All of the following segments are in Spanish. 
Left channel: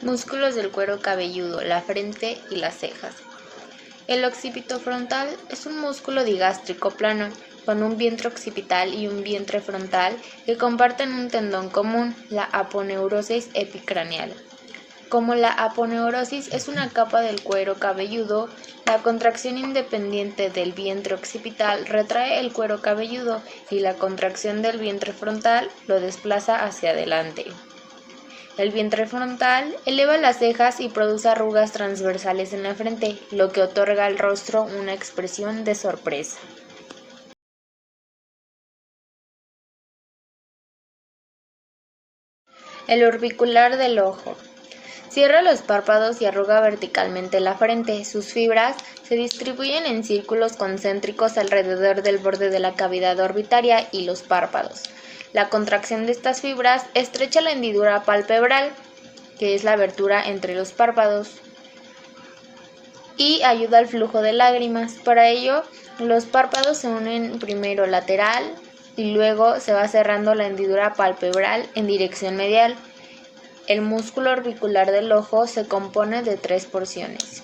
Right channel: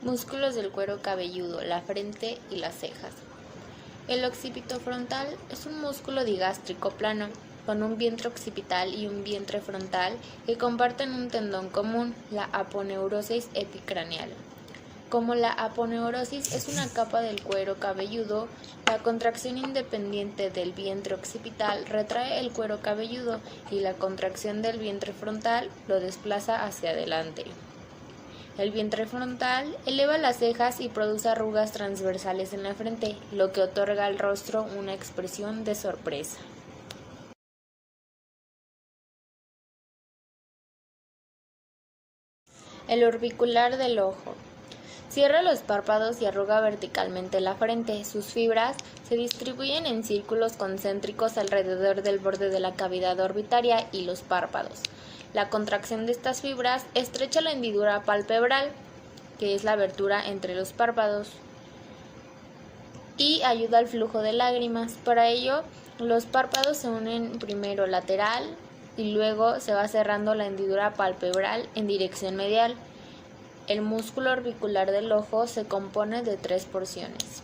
Músculos del cuero cabelludo, la frente y las cejas. El occipito frontal es un músculo digástrico plano, con un vientre occipital y un vientre frontal que comparten un tendón común, la aponeurosis epicraneal. Como la aponeurosis es una capa del cuero cabelludo, la contracción independiente del vientre occipital retrae el cuero cabelludo y la contracción del vientre frontal lo desplaza hacia adelante. El vientre frontal eleva las cejas y produce arrugas transversales en la frente, lo que otorga al rostro una expresión de sorpresa. El orbicular del ojo. Cierra los párpados y arruga verticalmente la frente. Sus fibras se distribuyen en círculos concéntricos alrededor del borde de la cavidad orbitaria y los párpados. La contracción de estas fibras estrecha la hendidura palpebral, que es la abertura entre los párpados, y ayuda al flujo de lágrimas. Para ello, los párpados se unen primero lateral y luego se va cerrando la hendidura palpebral en dirección medial. El músculo orbicular del ojo se compone de 3 porciones.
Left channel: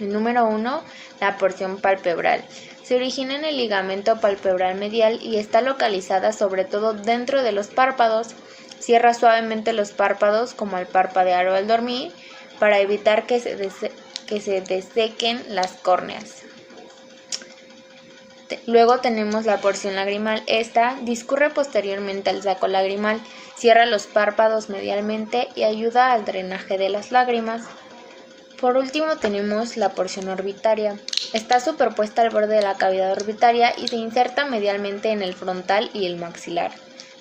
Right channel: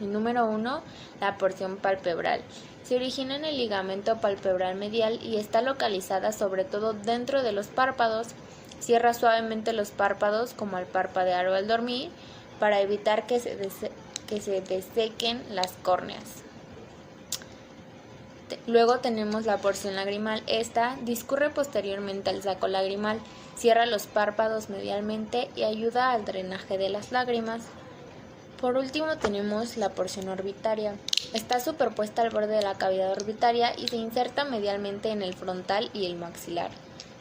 El número 1, la porción palpebral. Se origina en el ligamento palpebral medial y está localizada sobre todo dentro de los párpados. Cierra suavemente los párpados como al parpadear o al dormir para evitar que se desequen las córneas. Luego tenemos la porción lagrimal. Esta discurre posteriormente al saco lagrimal, cierra los párpados medialmente y ayuda al drenaje de las lágrimas. Por último tenemos la porción orbitaria. Está superpuesta al borde de la cavidad orbitaria y se inserta medialmente en el frontal y el maxilar.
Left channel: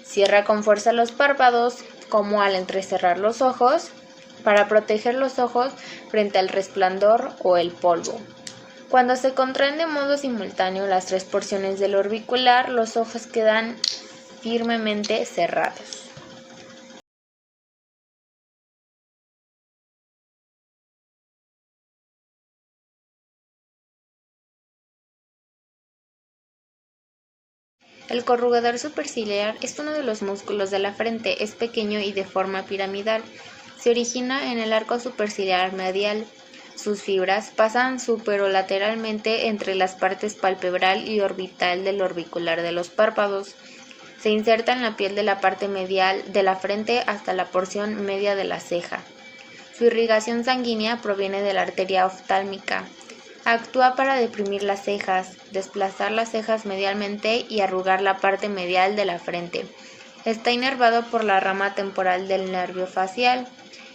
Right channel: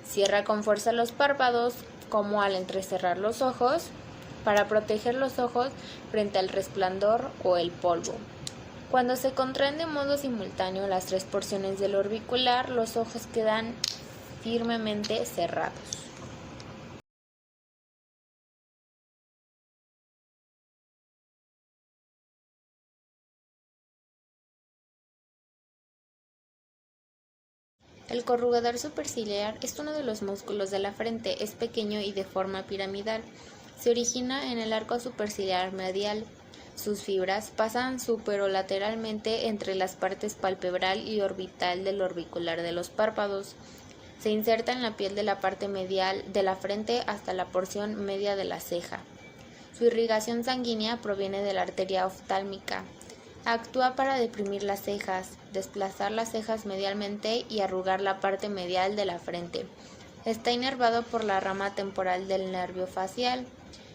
Cierra con fuerza los párpados, como al entrecerrar los ojos, para proteger los ojos frente al resplandor o el polvo. Cuando se contraen de modo simultáneo las 3 porciones del orbicular, los ojos quedan firmemente cerrados. El corrugador superciliar es uno de los músculos de la frente, es pequeño y de forma piramidal. Se origina en el arco superciliar medial. Sus fibras pasan superolateralmente entre las partes palpebral y orbital del orbicular de los párpados. Se inserta en la piel de la parte medial de la frente hasta la porción media de la ceja. Su irrigación sanguínea proviene de la arteria oftálmica. Actúa para deprimir las cejas, desplazar las cejas medialmente y arrugar la parte medial de la frente. Está inervado por la rama temporal del nervio facial.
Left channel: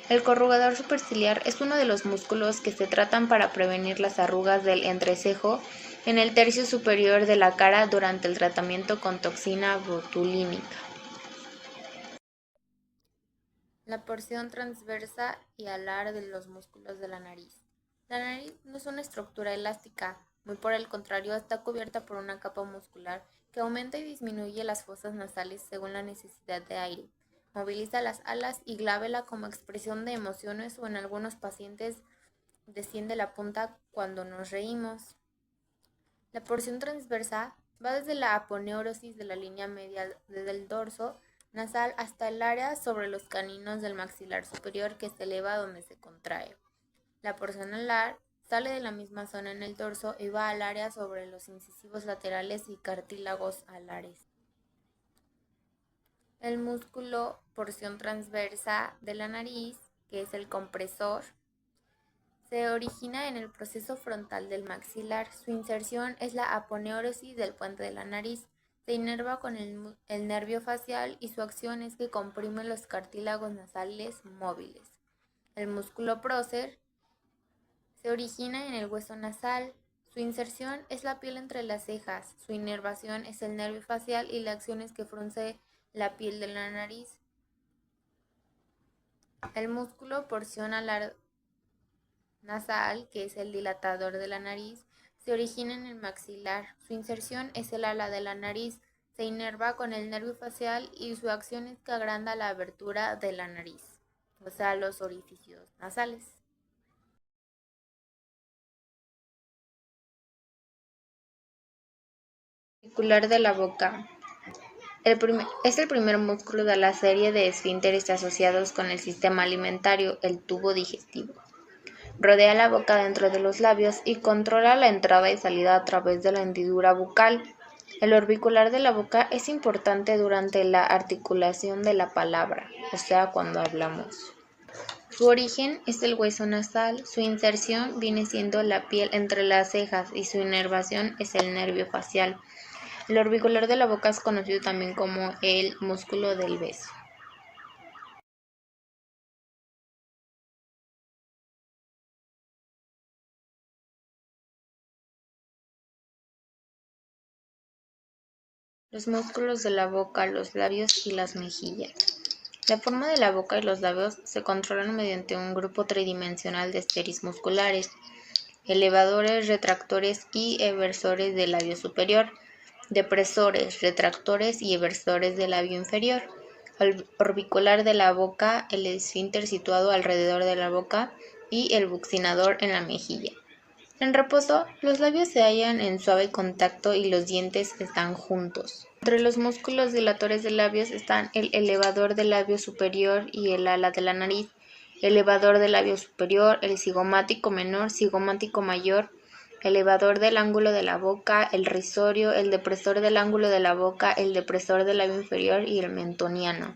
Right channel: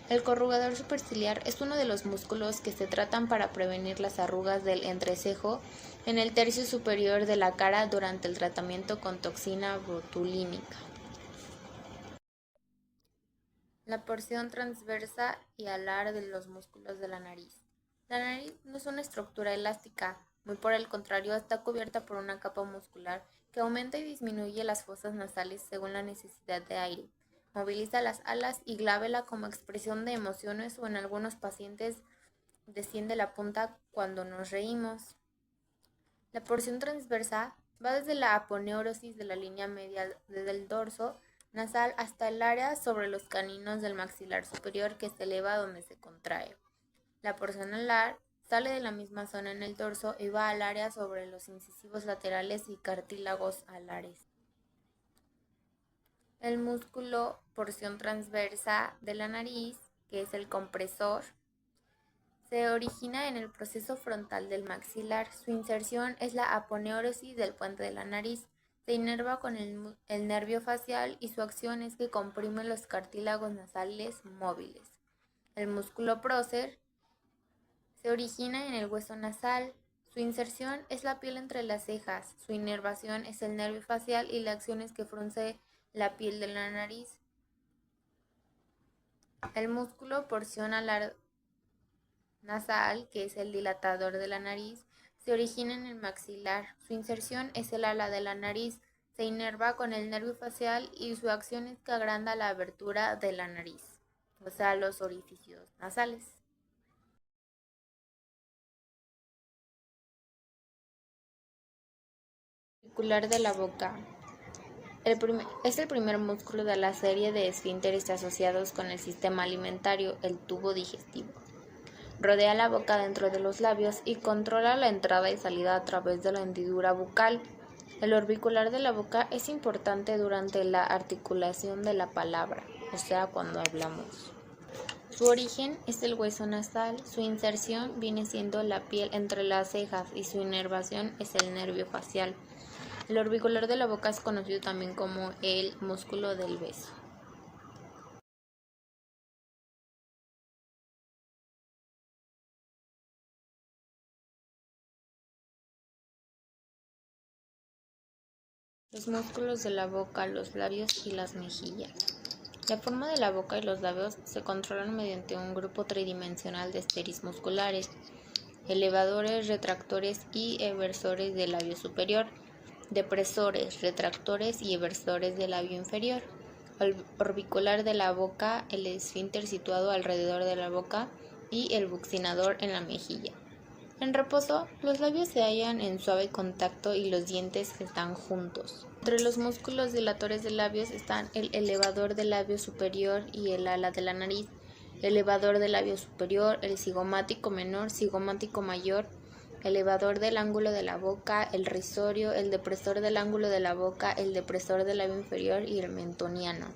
El corrugador superciliar es uno de los músculos que se tratan para prevenir las arrugas del entrecejo en el tercio superior de la cara durante el tratamiento con toxina botulínica. La porción transversa y alar de los músculos de la nariz. La nariz no es una estructura elástica, muy por el contrario está cubierta por una capa muscular que aumenta y disminuye las fosas nasales según la necesidad de aire. Moviliza las alas y glábela como expresión de emociones o en algunos pacientes desciende la punta cuando nos reímos. La porción transversa va desde la aponeurosis de la línea media del dorso nasal hasta el área sobre los caninos del maxilar superior que se eleva donde se contrae. La porción alar sale de la misma zona en el dorso y va al área sobre los incisivos laterales y cartílagos alares. El músculo porción transversa de la nariz, que es el compresor, se origina en el proceso frontal del maxilar. Su inserción es la aponeurosis del puente de la nariz. Se inerva con el nervio facial y su acción es que comprime los cartílagos nasales móviles. El músculo prócer se origina en el hueso nasal. Su inserción es la piel entre las cejas. Su inervación es el nervio facial y la acción es que frunce la piel de la nariz. El músculo porción alar nasal, que es el dilatador de la nariz, se origina en el maxilar. Su inserción es el ala de la nariz. Se inerva con el nervio facial y su acción es que agranda la abertura de la nariz, o sea, los orificios nasales. Orbicular de la boca. Es el primer músculo de la serie de esfínteres asociados con el sistema alimentario, el tubo digestivo. Rodea la boca dentro de los labios y controla la entrada y salida a través de la hendidura bucal. El orbicular de la boca es importante durante la articulación de la palabra, o sea, cuando hablamos. Su origen es el hueso nasal, su inserción viene siendo la piel entre las cejas y su inervación es el nervio facial. El orbicular de la boca es conocido también como el músculo del beso. Los músculos de la boca, los labios y las mejillas. La forma de la boca y los labios se controlan mediante un grupo tridimensional de esteris musculares, elevadores, retractores y eversores del labio superior, depresores, retractores y eversores del labio inferior, el orbicular de la boca, el esfínter situado alrededor de la boca y el buccinador en la mejilla. En reposo, los labios se hallan en suave contacto y los dientes están juntos. Entre los músculos dilatores de labios están el elevador del labio superior y el ala de la nariz, elevador del labio superior, el cigomático menor, cigomático mayor, elevador del ángulo de la boca, el risorio, el depresor del ángulo de la boca, el depresor del labio inferior y el mentoniano.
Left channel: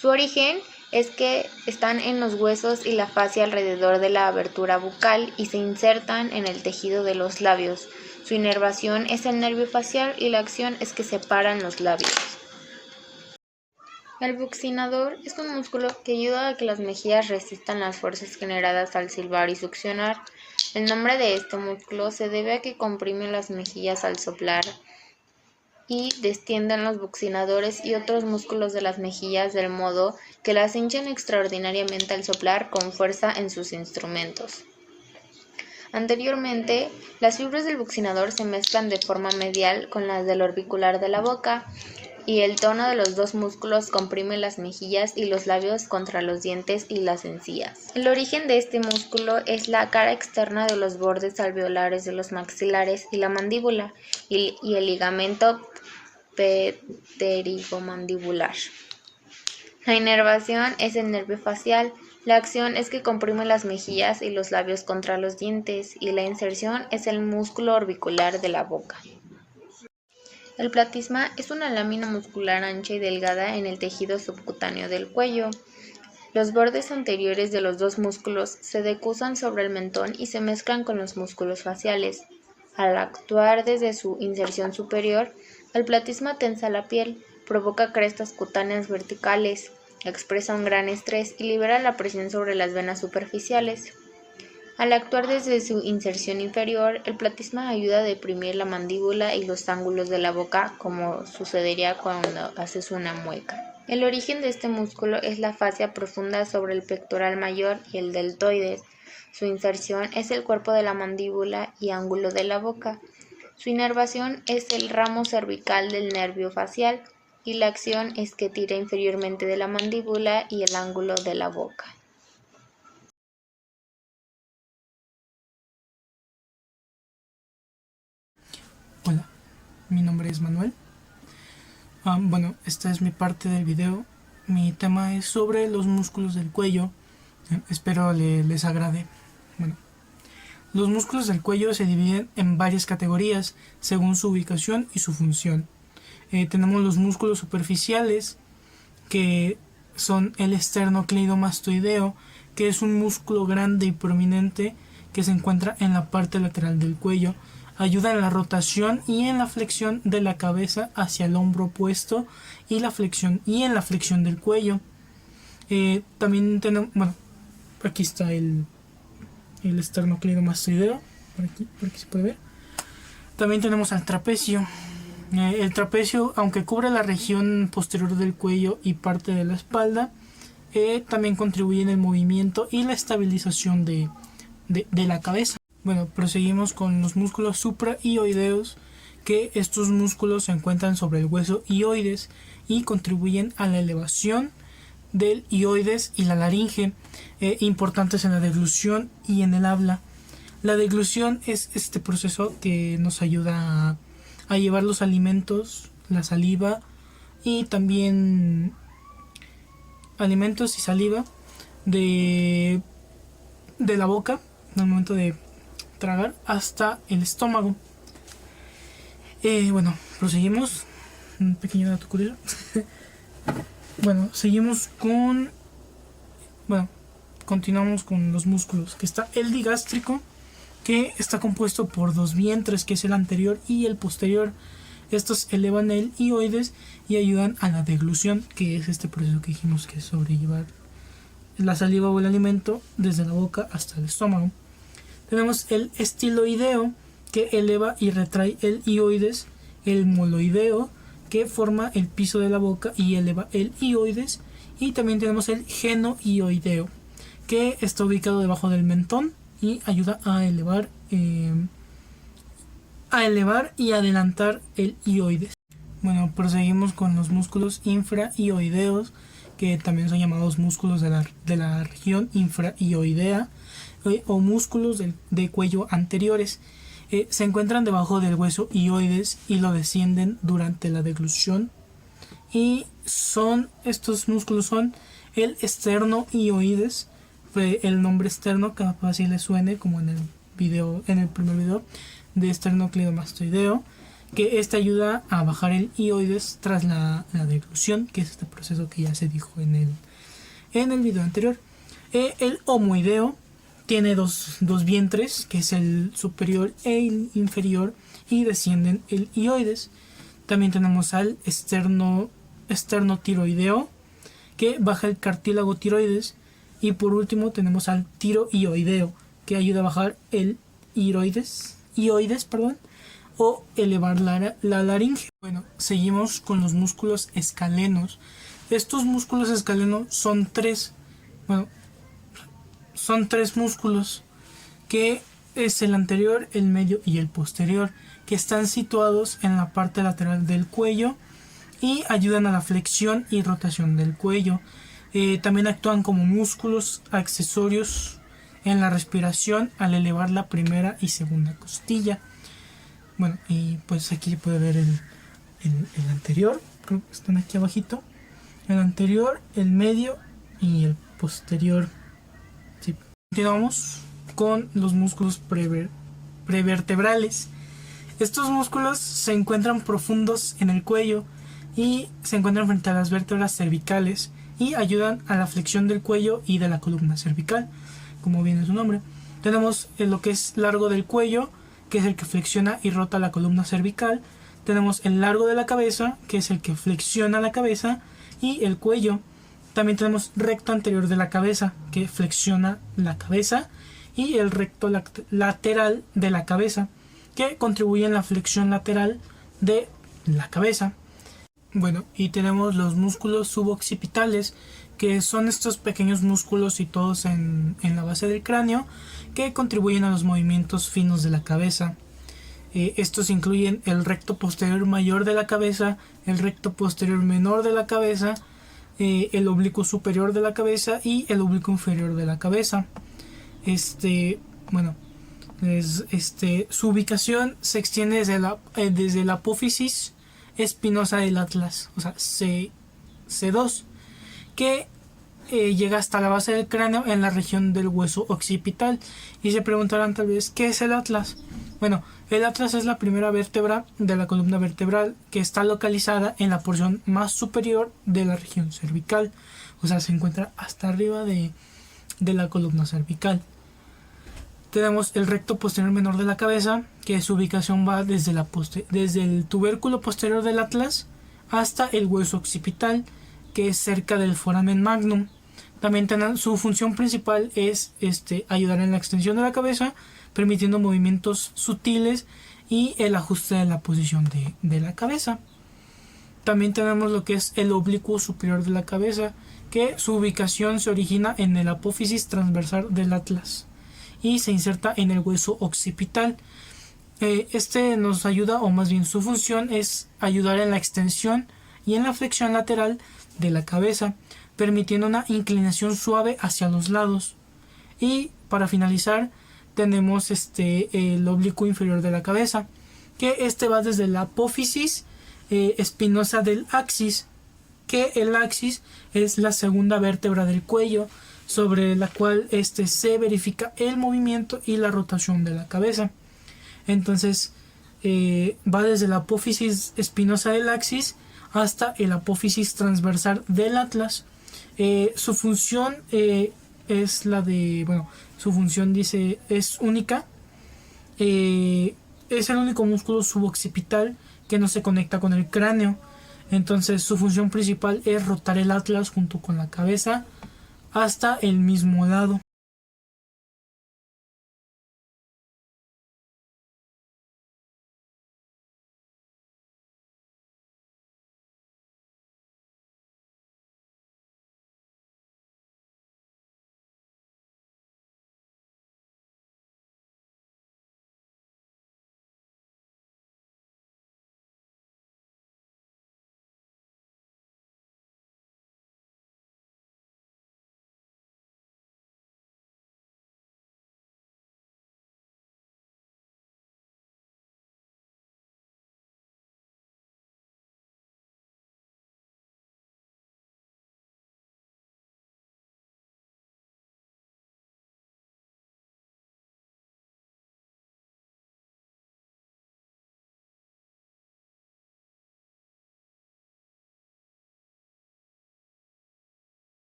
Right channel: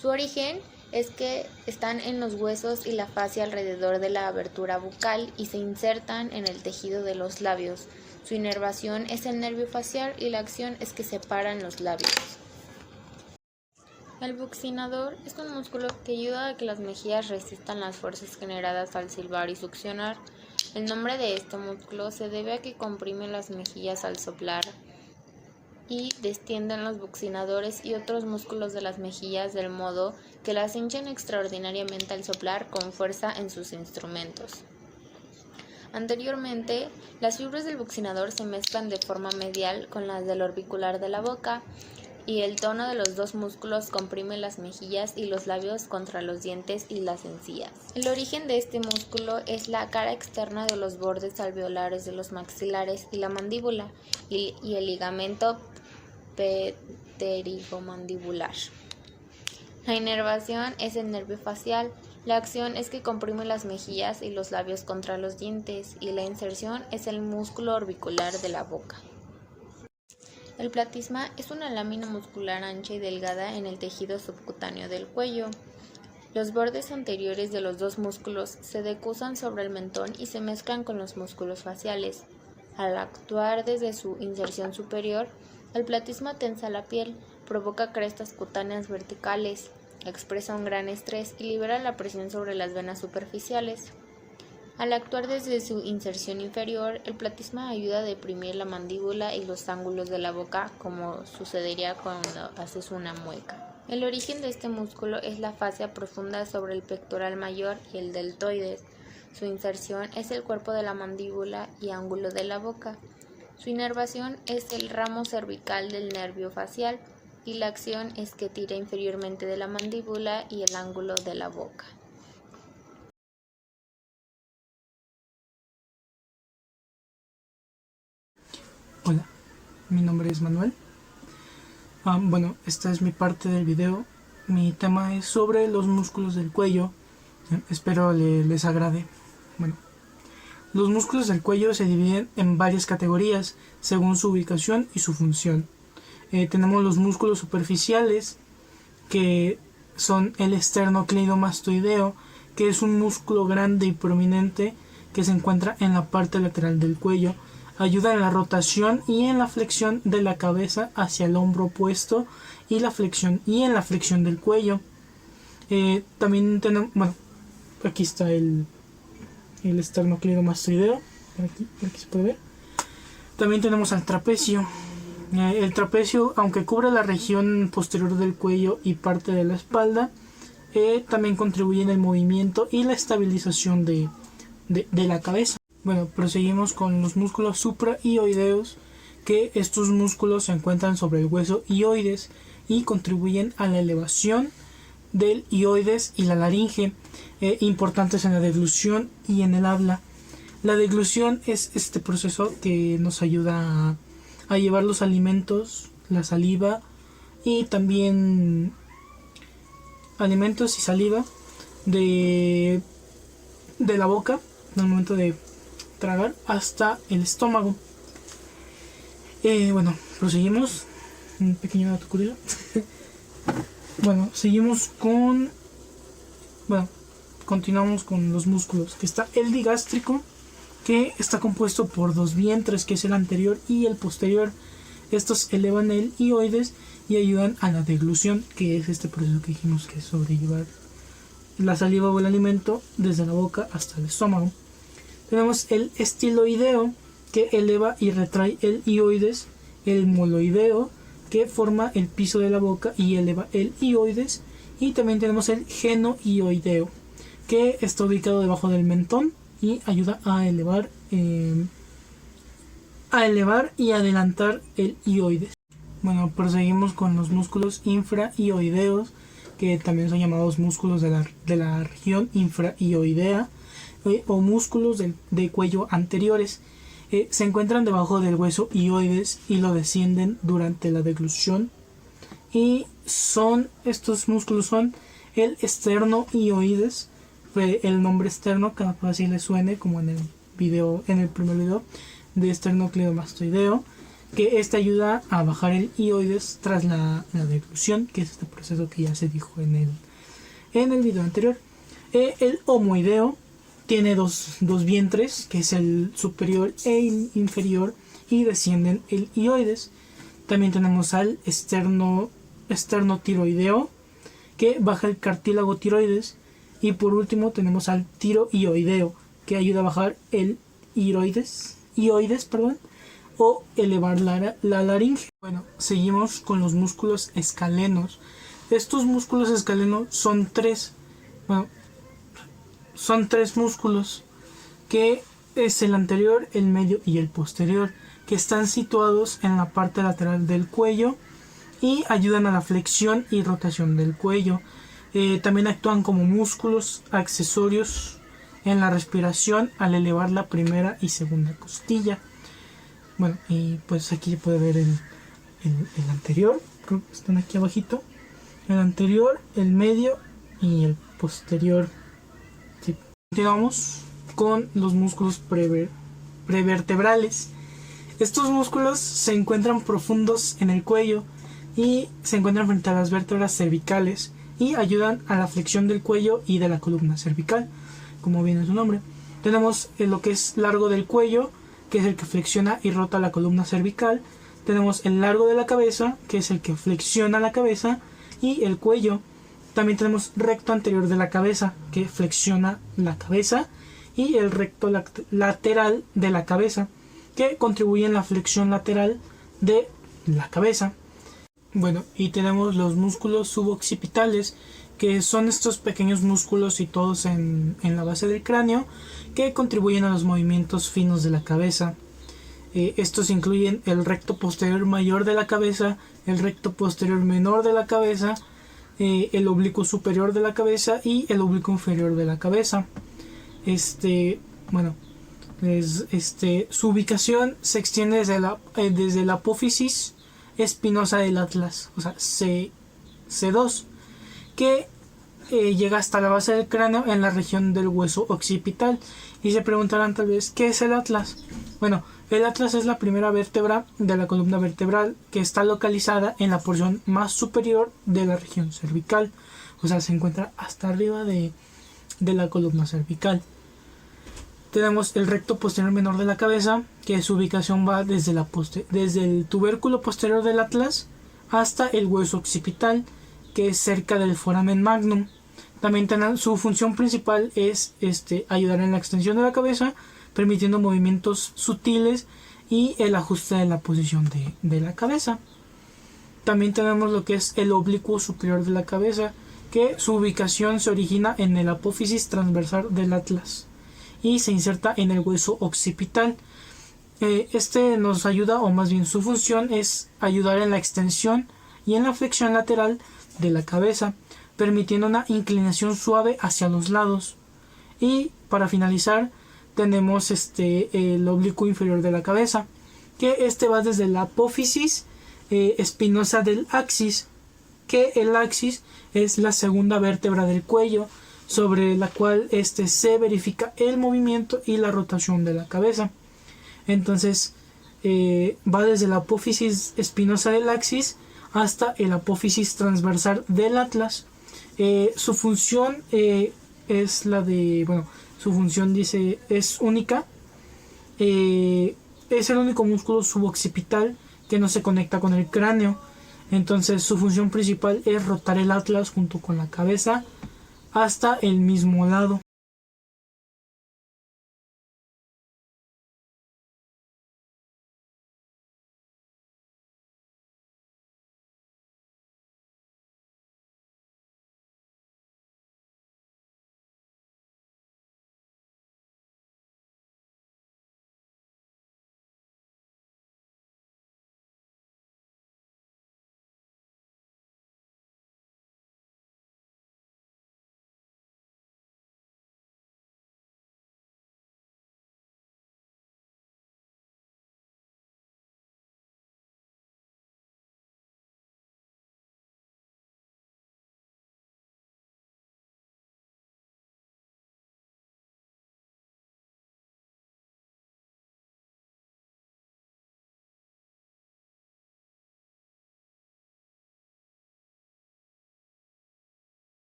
Su origen es que están en los huesos y la fascia alrededor de la abertura bucal y se insertan en el tejido de los labios. Su inervación es el nervio facial y la acción es que separan los labios. El buccinador es un músculo que ayuda a que las mejillas resistan las fuerzas generadas al silbar y succionar. El nombre de este músculo se debe a que comprime las mejillas al soplar y destienden los buccinadores y otros músculos de las mejillas del modo que las hinchan extraordinariamente al soplar con fuerza en sus instrumentos. Anteriormente, las fibras del buccinador se mezclan de forma medial con las del orbicular de la boca y el tono de los dos músculos comprime las mejillas y los labios contra los dientes y las encías. El origen de este músculo es la cara externa de los bordes alveolares de los maxilares y la mandíbula y el ligamento pterigomandibular. La inervación es el nervio facial, la acción es que comprime las mejillas y los labios contra los dientes y la inserción es el músculo orbicular de la boca. El platisma es una lámina muscular ancha y delgada en el tejido subcutáneo del cuello. Los bordes anteriores de los dos músculos se decusan sobre el mentón y se mezclan con los músculos faciales. Al actuar desde su inserción superior, el platisma tensa la piel, provoca crestas cutáneas verticales, expresa un gran estrés y libera la presión sobre las venas superficiales. Al actuar desde su inserción inferior, el platisma ayuda a deprimir la mandíbula y los ángulos de la boca, como sucedería cuando haces una mueca. El origen de este músculo es la fascia profunda sobre el pectoral mayor y el deltoides. Su inserción es el cuerpo de la mandíbula y ángulo de la boca. Su inervación es el ramo cervical del nervio facial y la acción es que tira inferiormente de la mandíbula y el ángulo de la boca. Hola, mi nombre es Manuel. Esta es mi parte del video. Mi tema es sobre los músculos del cuello. Espero les agrade. Los músculos del cuello se dividen en varias categorías según su ubicación y su función. Tenemos los músculos superficiales, que son el esternocleidomastoideo, que es un músculo grande y prominente que se encuentra en la parte lateral del cuello. Ayuda en la rotación y en la flexión de la cabeza hacia el hombro opuesto y en la flexión del cuello. También tenemos, aquí está el esternocleidomastoideo, por aquí se puede ver. También tenemos al trapecio. El trapecio, aunque cubre la región posterior del cuello y parte de la espalda, también contribuye en el movimiento y la estabilización de la cabeza. Proseguimos con los músculos supraioideos, que estos músculos se encuentran sobre el hueso ioides y contribuyen a la elevación del ioides y la laringe, importantes en la deglución y en el habla. La deglución es este proceso que nos ayuda a llevar los alimentos, la saliva y también alimentos y saliva de la boca al momento de tragar hasta el estómago. Bueno, proseguimos. Un pequeño dato curioso. Bueno, seguimos con... Bueno, continuamos con los músculos. Que está el digástrico, que está compuesto por dos vientres, que es el anterior y el posterior. Estos elevan el hioides y ayudan a la deglución, que es este proceso que dijimos que es sobrellevar la saliva o el alimento desde la boca hasta el estómago. Tenemos el estiloideo, que eleva y retrae el hioides. El moloideo, que forma el piso de la boca y eleva el hioides. Y también tenemos el genohioideo, que está ubicado debajo del mentón y ayuda a elevar y adelantar el hioides. Bueno, proseguimos con los músculos infrahioideos, que también son llamados músculos de la región infrahioidea, o músculos de cuello anteriores. Se encuentran debajo del hueso hioides y lo descienden durante la deglución. Y estos músculos son el esternohioides. El nombre externo capaz si le suene, como en el primer video de esternocleidomastoideo, que esta ayuda a bajar el hioides tras la deglución, que es este proceso que ya se dijo en el video anterior. El homoideo tiene dos vientres, que es el superior e el inferior, y descienden el hioides. También tenemos al esternotiroideo, que baja el cartílago tiroides. Y por último tenemos al tiroioideo, que ayuda a bajar el hioides, o elevar la laringe. Bueno, seguimos con los músculos escalenos. Estos músculos escalenos son tres músculos, que es el anterior, el medio y el posterior, que están situados en la parte lateral del cuello y ayudan a la flexión y rotación del cuello. También actúan como músculos accesorios en la respiración al elevar la primera y segunda costilla. Bueno, y pues aquí se puede ver el anterior, creo que están aquí abajito. El anterior, el medio y el posterior. Sí. Continuamos con los músculos prevertebrales. Estos músculos se encuentran profundos en el cuello y se encuentran frente a las vértebras cervicales y ayudan a la flexión del cuello y de la columna cervical, como viene su nombre. Tenemos lo que es largo del cuello, que es el que flexiona y rota la columna cervical. Tenemos el largo de la cabeza, que es el que flexiona la cabeza y el cuello. También tenemos recto anterior de la cabeza, que flexiona la cabeza, y el recto lateral de la cabeza, que contribuye en la flexión lateral de la cabeza. Bueno, y tenemos los músculos suboccipitales, que son estos pequeños músculos situados en la base del cráneo, que contribuyen a los movimientos finos de la cabeza. Estos incluyen el recto posterior mayor de la cabeza, el recto posterior menor de la cabeza, el oblicuo superior de la cabeza y el oblicuo inferior de la cabeza. Su ubicación se extiende desde la apófisis espinosa del atlas, o sea, C2, que llega hasta la base del cráneo en la región del hueso occipital. Y se preguntarán tal vez, ¿qué es el atlas? Bueno, el atlas es la primera vértebra de la columna vertebral, que está localizada en la porción más superior de la región cervical, o sea, se encuentra hasta arriba de la columna cervical. Tenemos el recto posterior menor de la cabeza, que su ubicación va desde el tubérculo posterior del atlas hasta el hueso occipital, que es cerca del foramen magnum. También su función principal es ayudar en la extensión de la cabeza, permitiendo movimientos sutiles y el ajuste de la posición de la cabeza. También tenemos lo que es el oblicuo superior de la cabeza, que su ubicación se origina en el apófisis transversal del atlas y se inserta en el hueso occipital. Nos ayuda, o más bien su función es ayudar en la extensión y en la flexión lateral de la cabeza, permitiendo una inclinación suave hacia los lados. Y para finalizar tenemos el oblicuo inferior de la cabeza, que va desde la apófisis espinosa del axis que el axis es la segunda vértebra del cuello, sobre la cual se verifica el movimiento y la rotación de la cabeza. Entonces va desde la apófisis espinosa del axis hasta el apófisis transversal del atlas. Su función es la de, bueno, su función dice es única. Es el único músculo suboccipital que no se conecta con el cráneo. Entonces su función principal es rotar el atlas junto con la cabeza hasta el mismo lado.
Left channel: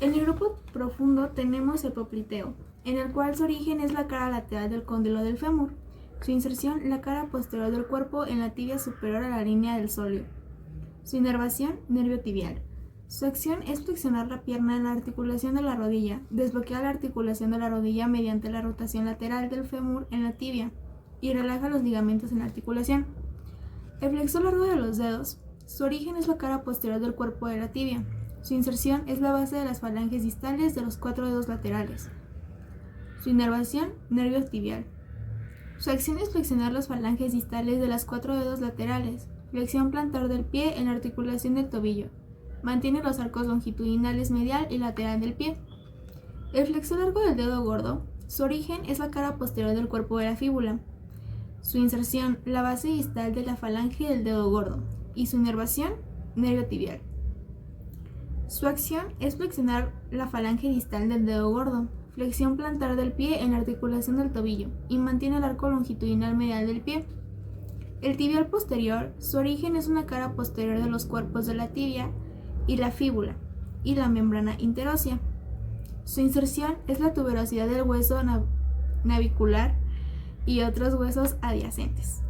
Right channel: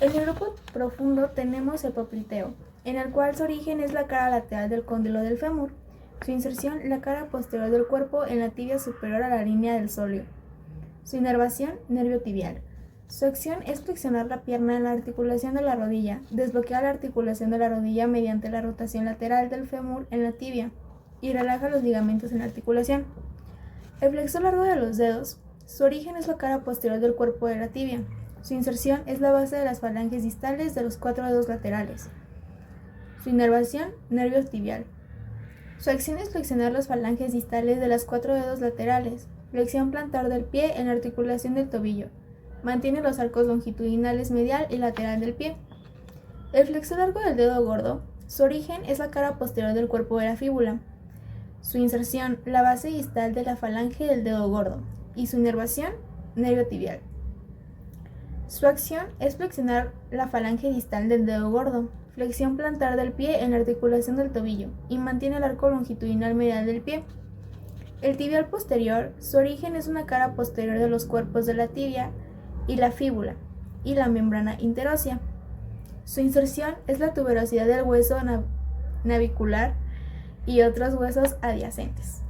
En el grupo profundo tenemos el popliteo, en el cual su origen es la cara lateral del cóndilo del fémur, su inserción la cara posterior del cuerpo en la tibia superior a la línea del sóleo, su inervación nervio tibial. Su acción es flexionar la pierna en la articulación de la rodilla, desbloquear la articulación de la rodilla mediante la rotación lateral del fémur en la tibia y relaja los ligamentos en la articulación. El flexor largo de los dedos, su origen es la cara posterior del cuerpo de la tibia. Su inserción es la base de las falanges distales de los 4 dedos laterales. Su inervación, nervio tibial. Su acción es flexionar las falanges distales de las 4 dedos laterales. Flexión plantar del pie en la articulación del tobillo. Mantiene los arcos longitudinales medial y lateral del pie. El flexor largo del dedo gordo, su origen es la cara posterior del cuerpo de la fíbula. Su inserción, la base distal de la falange del dedo gordo. Y su inervación, nervio tibial. Su acción es flexionar la falange distal del dedo gordo, flexión plantar del pie en la articulación del tobillo y mantiene el arco longitudinal medial del pie. El tibial posterior, su origen es una cara posterior de los cuerpos de la tibia y la fíbula y la membrana interósea. Su inserción es la tuberosidad del hueso navicular y otros huesos adyacentes.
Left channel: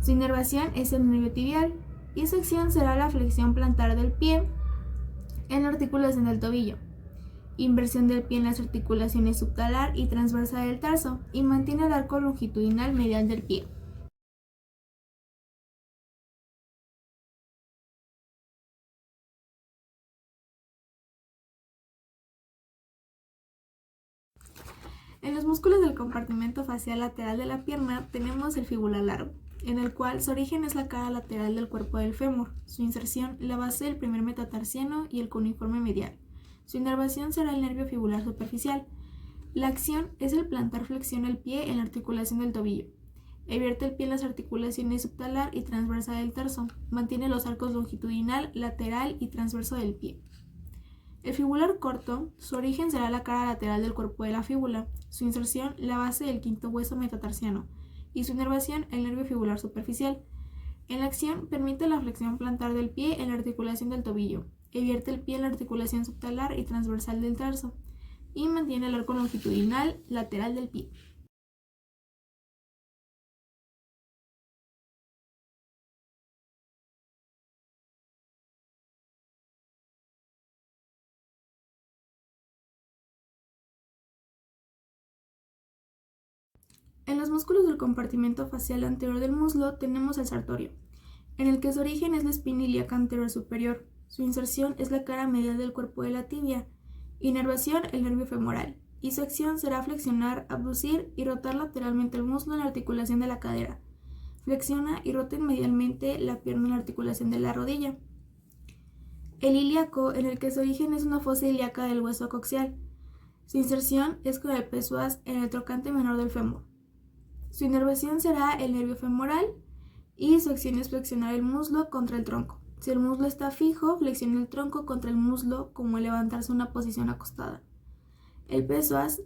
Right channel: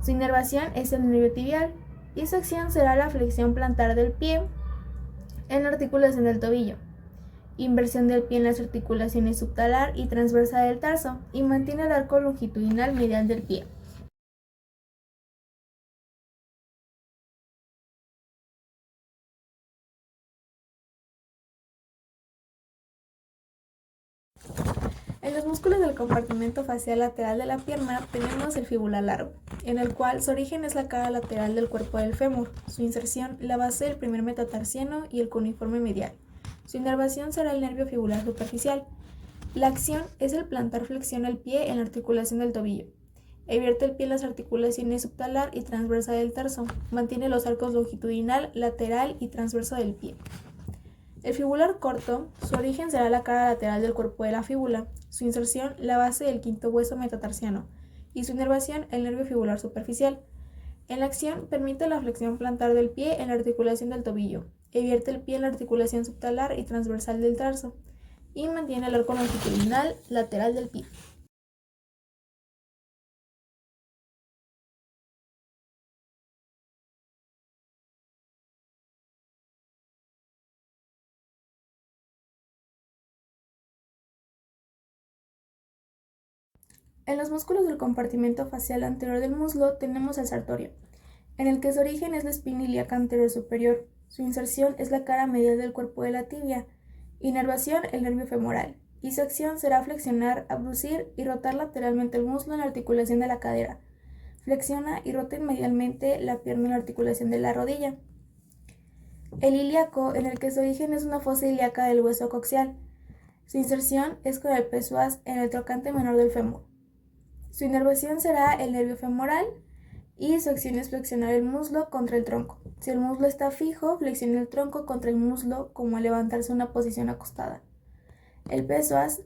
Su inervación es el nervio tibial y su acción será la flexión plantar del pie en la articulación del tobillo, inversión del pie en las articulaciones subtalar y transversa del tarso y mantiene el arco longitudinal medial del pie. En los músculos del compartimento facial lateral de la pierna tenemos el fibular largo, en el cual su origen es la cara lateral del cuerpo del fémur, su inserción la base del primer metatarsiano y el cuneiforme medial. Su inervación será el nervio fibular superficial. La acción es el plantar flexiona el pie en la articulación del tobillo. Vierte el pie en las articulaciones subtalar y transversa del tarso. Mantiene los arcos longitudinal, lateral y transverso del pie. El fibular corto, su origen será la cara lateral del cuerpo de la fíbula. Su inserción, la base del quinto hueso metatarsiano. Y su inervación, el nervio fibular superficial. En la acción, permite la flexión plantar del pie en la articulación del tobillo. Vierte el pie en la articulación subtalar y transversal del tarso. Y mantiene el arco longitudinal lateral del pie. En los músculos del compartimento facial anterior del muslo tenemos el sartorio, en el que su origen es la espina ilíaca anterior superior. Su inserción es la cara medial del cuerpo de la tibia. Inervación, el nervio femoral. Y su acción será flexionar, abducir y rotar lateralmente el muslo en la articulación de la cadera. Flexiona y rota medialmente la pierna en la articulación de la rodilla. El ilíaco, en el que su origen es una fosa ilíaca del hueso coxial. Su inserción es con el psoas en el trocante menor del fémur. Su inervación será el nervio femoral y su acción es flexionar el muslo contra el tronco. Si el muslo está fijo, flexiona el tronco contra el muslo como al levantarse una posición acostada. El psoas,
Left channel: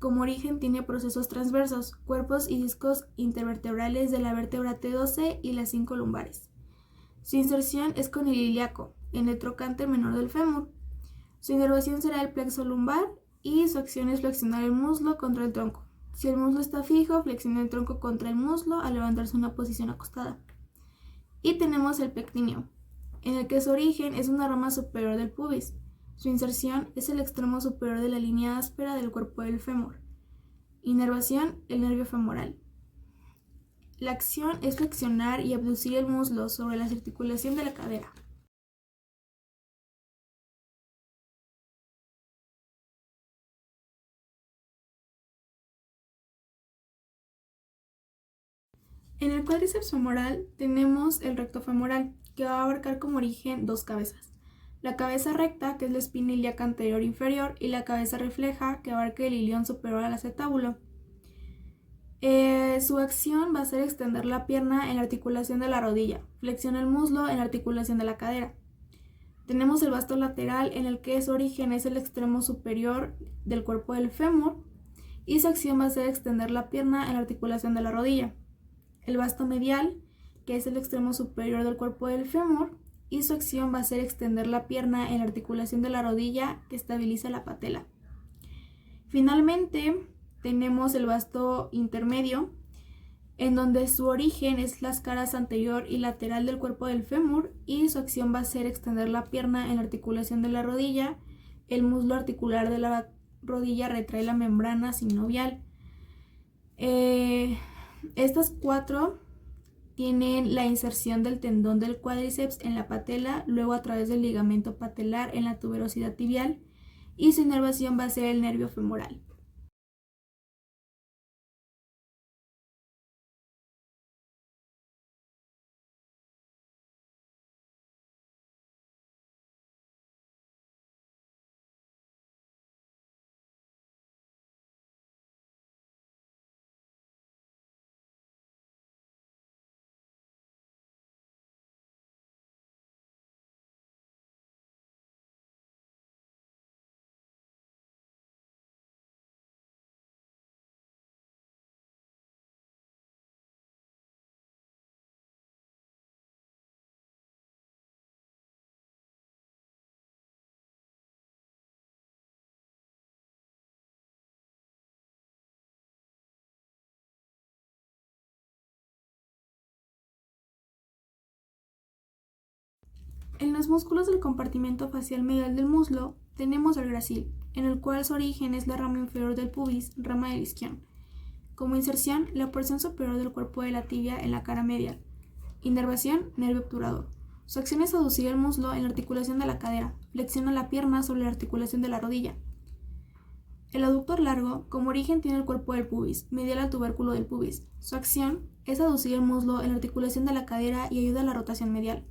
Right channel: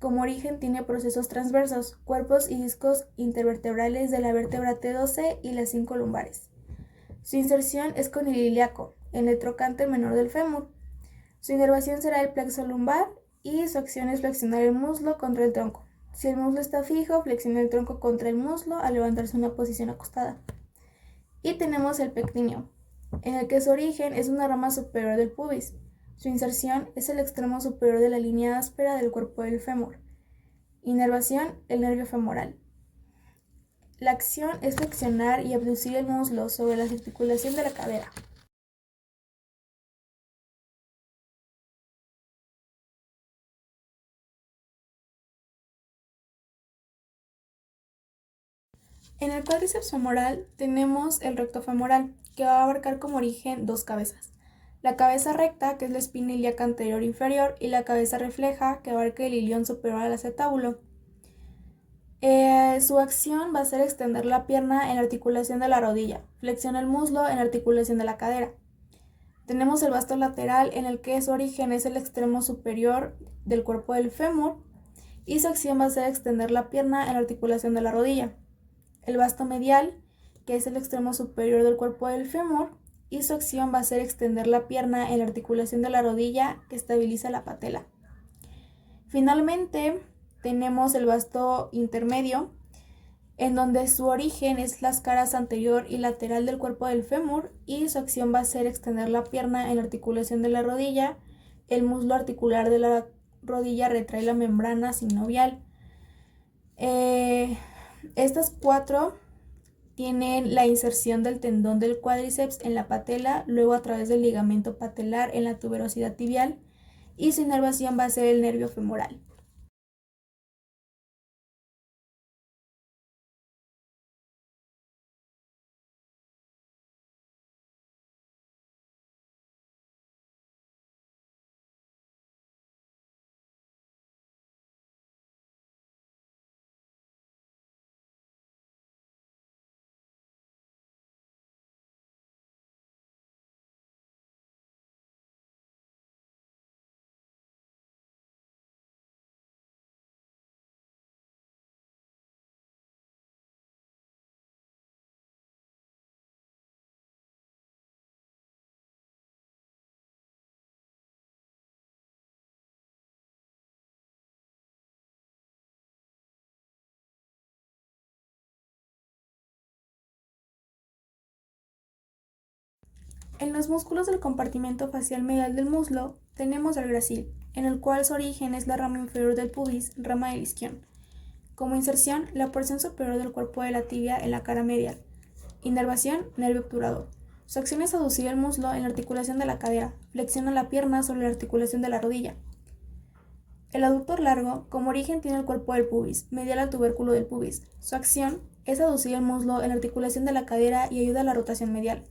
como origen, tiene procesos transversos, cuerpos y discos intervertebrales de la vértebra T12 y las 5 lumbares. Su inserción es con el ilíaco, en el trocante menor del fémur. Su inervación será el plexo lumbar y su acción es flexionar el muslo contra el tronco. Si el muslo está fijo, flexiona el tronco contra el muslo al levantarse una posición acostada. Y tenemos el pectíneo, en el que su origen es una rama superior del pubis. Su inserción es el extremo superior de la línea áspera del cuerpo del fémur. Inervación, el nervio femoral. La acción es flexionar y abducir el muslo sobre la articulación de la cadera. En el cuádriceps femoral tenemos el recto femoral, que va a abarcar como origen dos cabezas. La cabeza recta, que es la espina ilíaca anterior inferior, y la cabeza refleja, que abarca el ilión superior al acetábulo. Su acción va a ser extender la pierna en la articulación de la rodilla, flexiona el muslo en la articulación de la cadera. Tenemos el vasto lateral, en el que su origen es el extremo superior del cuerpo del fémur, y su acción va a ser extender la pierna en la articulación de la rodilla. El vasto medial, que es el extremo superior del cuerpo del fémur, y su acción va a ser extender la pierna en la articulación de la rodilla que estabiliza la patela. Finalmente, tenemos el vasto intermedio, en donde su origen es las caras anterior y lateral del cuerpo del fémur, y su acción va a ser extender la pierna en la articulación de la rodilla. El muslo articular de la rodilla retrae la membrana sinovial. Estas cuatro tienen la inserción del tendón del cuádriceps en la patela, luego a través del ligamento patelar en la tuberosidad tibial, y su inervación va a ser el nervio femoral. En los músculos del compartimento facial medial del muslo tenemos el gracil, en el cual su origen es la rama inferior del pubis, rama del isquion. Como inserción, la porción superior del cuerpo de la tibia en la cara medial. Inervación, nervio obturador. Su acción es aducir el muslo en la articulación de la cadera, flexiona la pierna sobre la articulación de la rodilla. El aductor largo, como origen, tiene el cuerpo del pubis, medial al tubérculo del pubis. Su acción es aducir el muslo en la articulación de la cadera y ayuda a la rotación medial.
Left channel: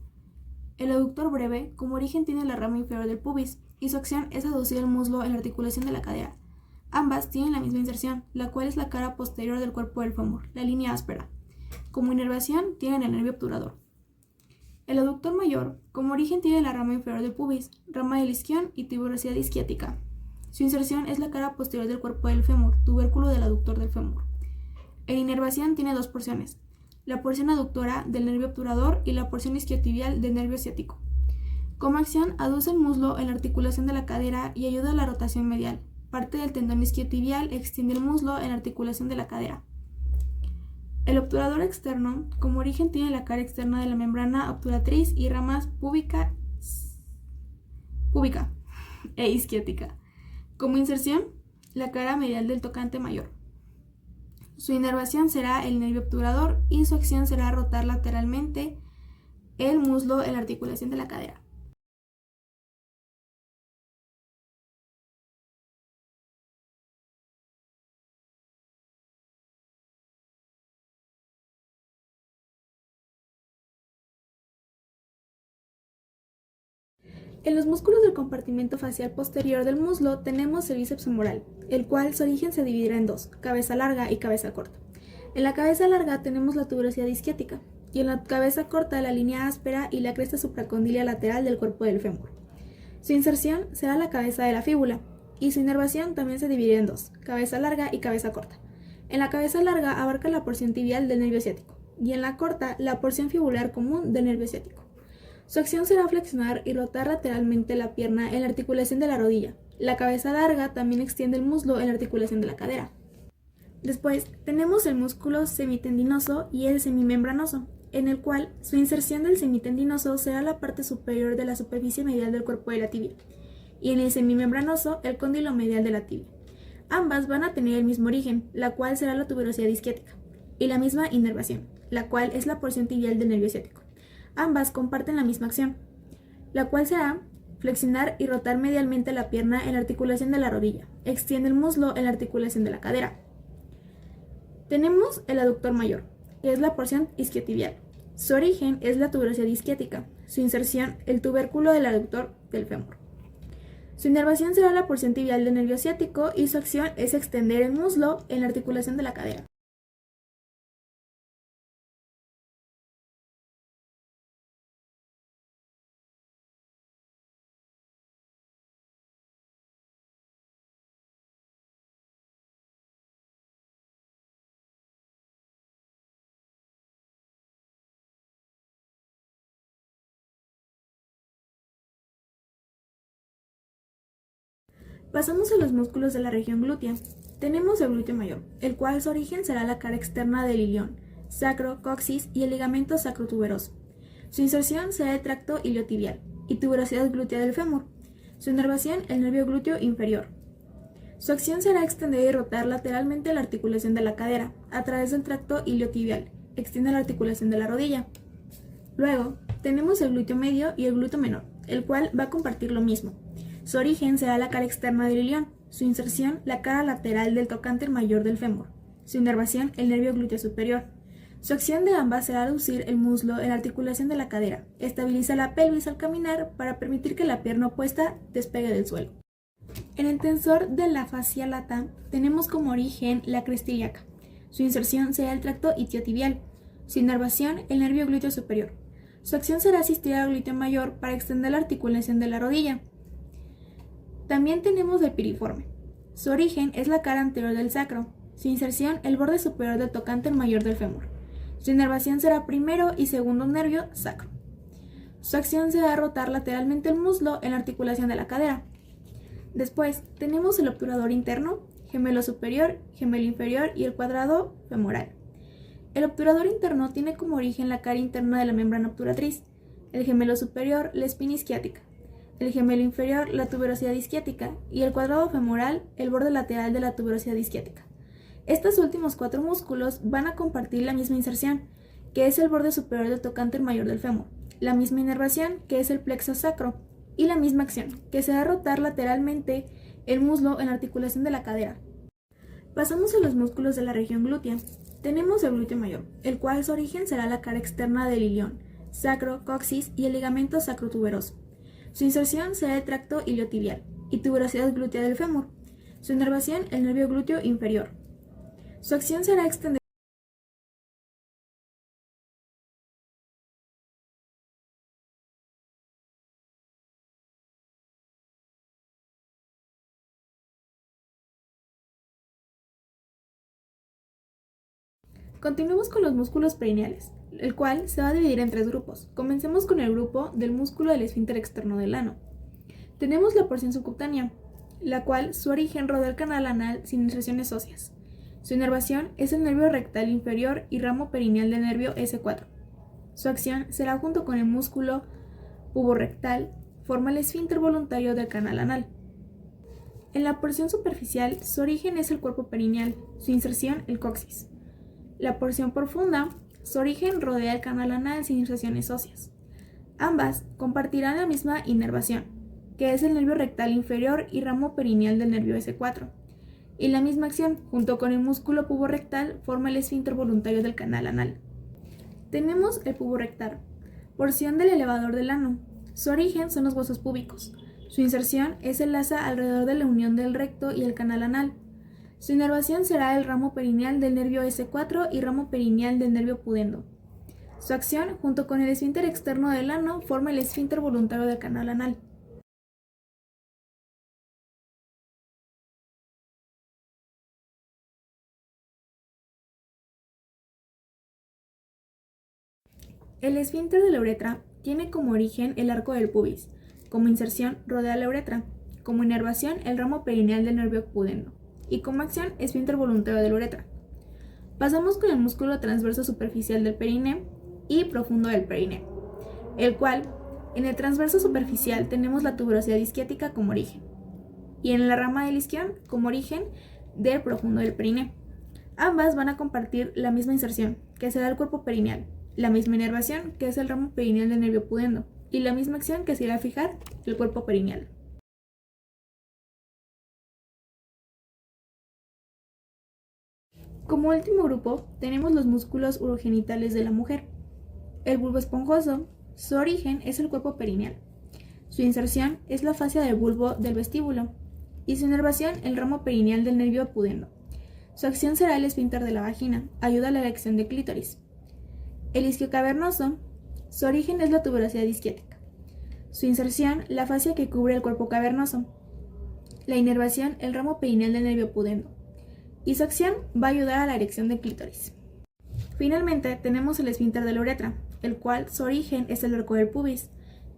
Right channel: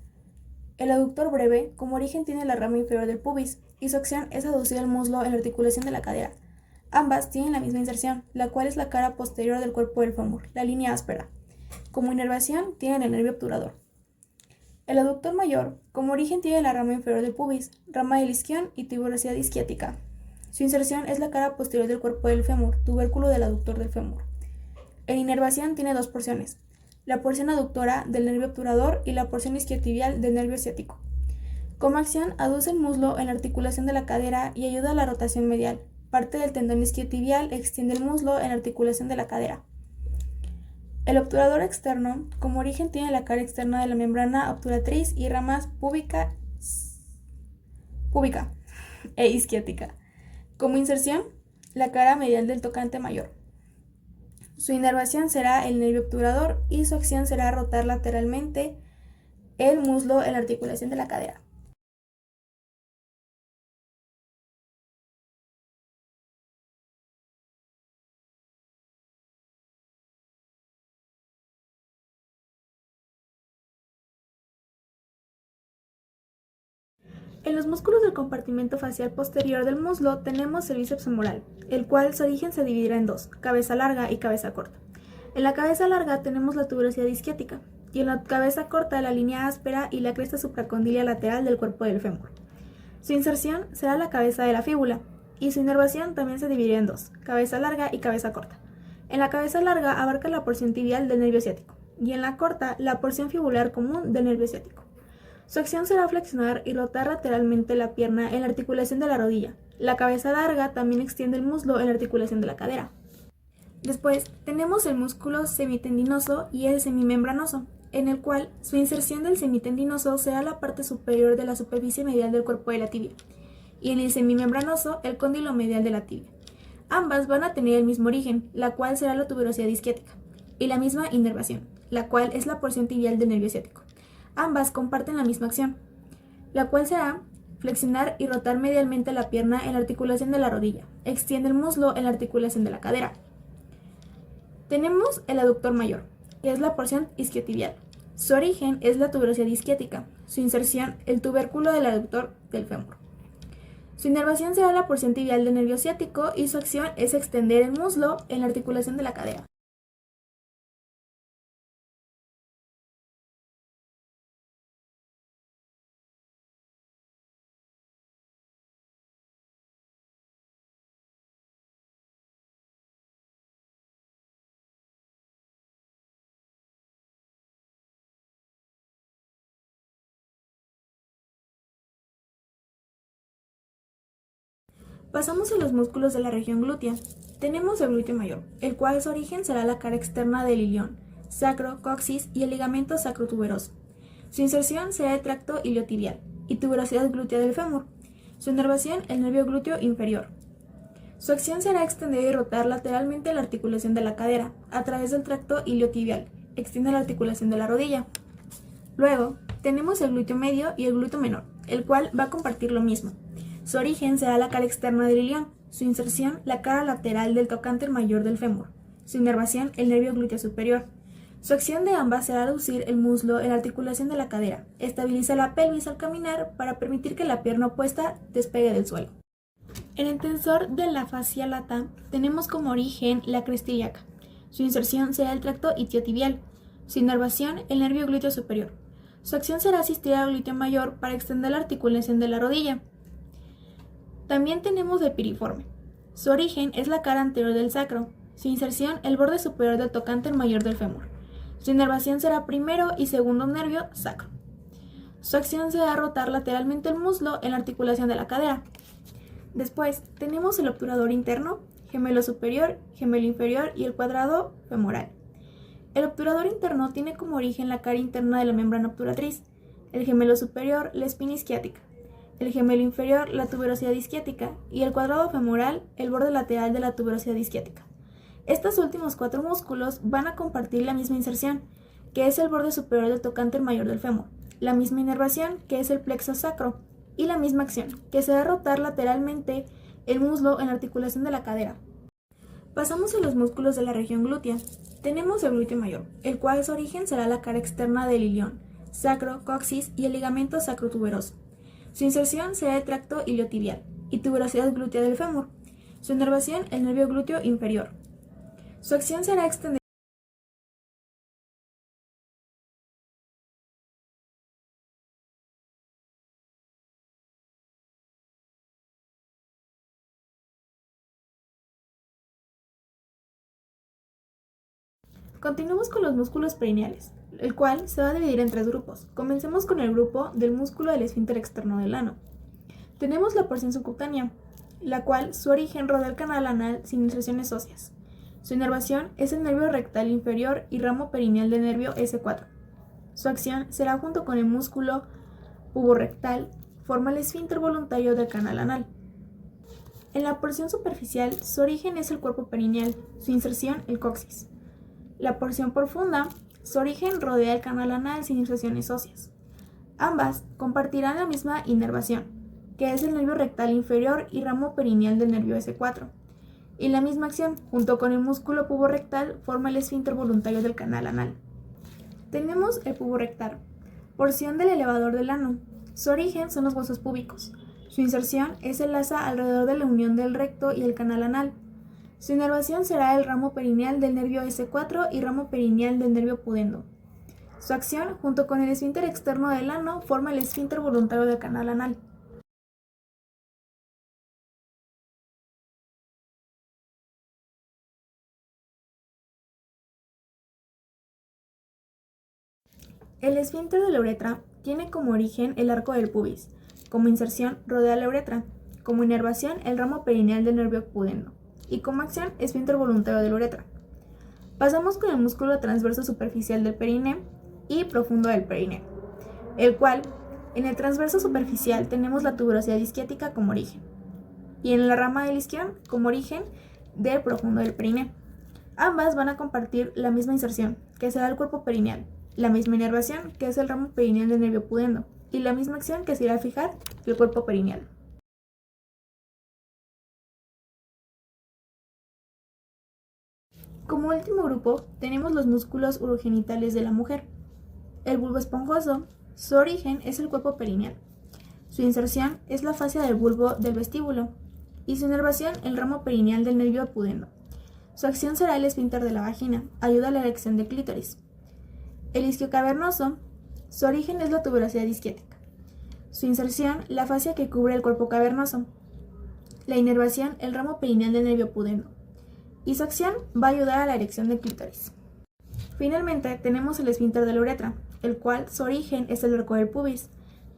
El aductor breve, como origen, tiene la rama inferior del pubis, y su acción es aducir el muslo en la articulación de la cadera. Ambas tienen la misma inserción, la cual es la cara posterior del cuerpo del fémur, la línea áspera. Como inervación, tienen el nervio obturador. El aductor mayor, como origen, tiene la rama inferior del pubis, rama del isquion y tuberosidad isquiática. Su inserción es la cara posterior del cuerpo del fémur, tubérculo del aductor del fémur. En inervación tiene dos porciones, la porción aductora del nervio obturador y la porción isquiotibial del nervio ciático. Como acción, aduce el muslo en la articulación de la cadera y ayuda a la rotación medial. Parte del tendón isquiotibial extiende el muslo en la articulación de la cadera. El obturador externo, como origen, tiene la cara externa de la membrana obturatriz y ramas púbica e isquiática. Como inserción, la cara medial del tocante mayor. Su inervación será el nervio obturador y su acción será rotar lateralmente el muslo en la articulación de la cadera. En los músculos del compartimento facial posterior del muslo tenemos el bíceps femoral, el cual su origen se dividirá en dos, cabeza larga y cabeza corta. En la cabeza larga tenemos la tuberosidad isquiática y en la cabeza corta la línea áspera y la cresta supracondilia lateral del cuerpo del fémur. Su inserción será la cabeza de la fíbula y su inervación también se dividirá en dos, cabeza larga y cabeza corta. En la cabeza larga abarca la porción tibial del nervio ciático y en la corta la porción fibular común del nervio ciático. Su acción será flexionar y rotar lateralmente la pierna en la articulación de la rodilla. La cabeza larga también extiende el muslo en la articulación de la cadera. Después tenemos el músculo semitendinoso y el semimembranoso, en el cual su inserción del semitendinoso será la parte superior de la superficie medial del cuerpo de la tibia, y en el semimembranoso el cóndilo medial de la tibia. Ambas van a tener el mismo origen, la cual será la tuberosidad isquiática, y la misma inervación, la cual es la porción tibial del nervio ciático. Ambas comparten la misma acción, la cual será flexionar y rotar medialmente la pierna en la articulación de la rodilla. Extiende el muslo en la articulación de la cadera. Tenemos el aductor mayor, que es la porción isquiotibial. Su origen es la tuberosidad isquiática. Su inserción, el tubérculo del aductor del fémur. Su inervación será la porción tibial del nervio ciático y su acción es extender el muslo en la articulación de la cadera. Pasamos a los músculos de la región glútea. Tenemos el glúteo mayor, el cual su origen será la cara externa del ilion, sacro, coxis y el ligamento sacrotuberoso. Su inserción será el tracto iliotibial y tuberosidad glútea del fémur. Su inervación, el nervio glúteo inferior. Su acción será extender y rotar lateralmente la articulación de la cadera a través del tracto iliotibial. Extiende la articulación de la rodilla. Luego, tenemos el glúteo medio y el glúteo menor, el cual va a compartir lo mismo. Su origen será la cara externa del ilion, su inserción la cara lateral del tocante mayor del fémur, su inervación el nervio glúteo superior. Su acción de ambas será reducir el muslo en la articulación de la cadera, estabiliza la pelvis al caminar para permitir que la pierna opuesta despegue del suelo. En el tensor de la fascia lata tenemos como origen la cresta ilíaca, su inserción será el tracto isquiotibial, su inervación el nervio glúteo superior. Su acción será asistir al glúteo mayor para extender la articulación de la rodilla. También tenemos el piriforme. Su origen es la cara anterior del sacro. Su inserción, el borde superior del tocante mayor del fémur. Su inervación será primero y segundo nervio sacro. Su acción será rotar lateralmente el muslo en la articulación de la cadera. Después tenemos el obturador interno, gemelo superior, gemelo inferior y el cuadrado femoral. El obturador interno tiene como origen la cara interna de la membrana obturatriz, el gemelo superior, la espina isquiática, el gemelo inferior, la tuberosidad isquiática, y el cuadrado femoral, el borde lateral de la tuberosidad isquiática. Estos últimos cuatro músculos van a compartir la misma inserción, que es el borde superior del tocante mayor del fémur, la misma inervación, que es el plexo sacro, y la misma acción, que será rotar lateralmente el muslo en la articulación de la cadera. Pasamos a los músculos de la región glútea. Tenemos el glúteo mayor, el cual su origen será la cara externa del ilion, sacro, coxis y el ligamento sacrotuberoso. Su inserción será el tracto iliotibial y tuberosidad glútea del fémur. Su inervación, el nervio glúteo inferior. Su acción será extender. Continuamos con los músculos perineales, el cual se va a dividir en tres grupos. Comencemos con el grupo del músculo del esfínter externo del ano. Tenemos la porción subcutánea, la cual su origen rodea el canal anal sin inserciones óseas. Su inervación es el nervio rectal inferior y ramo perineal del nervio S4. Su acción será junto con el músculo puborectal, forma el esfínter voluntario del canal anal. En la porción superficial, su origen es el cuerpo perineal, su inserción el coxis. La porción profunda, su origen rodea el canal anal sin inserciones óseas. Ambas compartirán la misma inervación, que es el nervio rectal inferior y ramo perineal del nervio S4. Y la misma acción, junto con el músculo puborectal, forma el esfínter voluntario del canal anal. Tenemos el puborectal, porción del elevador del ano. Su origen son los huesos púbicos. Su inserción es el asa alrededor de la unión del recto y el canal anal. Su inervación será el ramo perineal del nervio S4 y ramo perineal del nervio pudendo. Su acción, junto con el esfínter externo del ano, forma el esfínter voluntario del canal anal. El esfínter de la uretra tiene como origen el arco del pubis, como inserción rodea la uretra, como inervación el ramo perineal del nervio pudendo, y como acción esfínter voluntario de la uretra. Pasamos con el músculo transverso superficial del perine y profundo del perine, el cual, en el transverso superficial tenemos la tuberosidad isquiática como origen, y en la rama del isquion como origen del profundo del perine. Ambas van a compartir la misma inserción, que será el cuerpo perineal, la misma inervación, que es el ramo perineal del nervio pudendo, y la misma acción que se irá a fijar el cuerpo perineal. Como último grupo, tenemos los músculos urogenitales de la mujer. El bulbo esponjoso, su origen es el cuerpo perineal. Su inserción es la fascia del bulbo del vestíbulo, y su inervación el ramo perineal del nervio pudendo. Su acción será el esfínter de la vagina, ayuda a la erección de clítoris. El isquio cavernoso, su origen es la tuberosidad isquiática. Su inserción, la fascia que cubre el cuerpo cavernoso. La inervación, el ramo perineal del nervio pudendo. Y su acción va a ayudar a la erección de clítoris. Finalmente, tenemos el esfínter de la uretra, el cual su origen es el arco del pubis,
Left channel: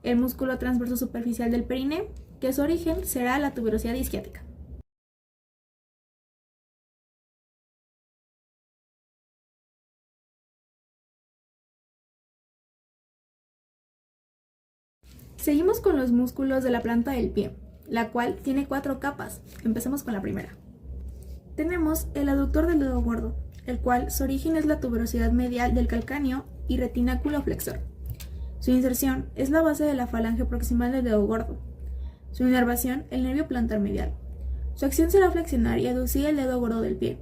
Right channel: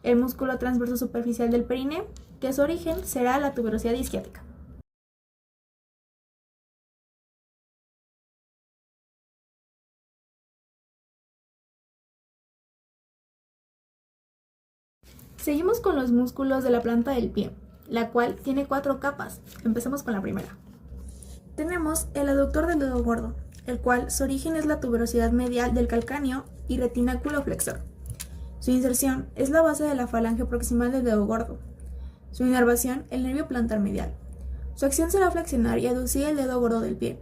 el músculo transverso superficial del perine, que su origen será la tuberosidad isquiática. Seguimos con los músculos de la planta del pie, la cual tiene 4 capas. Empezamos con la primera. Tenemos el aductor del dedo gordo, el cual su origen es la tuberosidad medial del calcáneo y retináculo flexor. Su inserción es la base de la falange proximal del dedo gordo. Su inervación, el nervio plantar medial. Su acción será flexionar y aducir el dedo gordo del pie.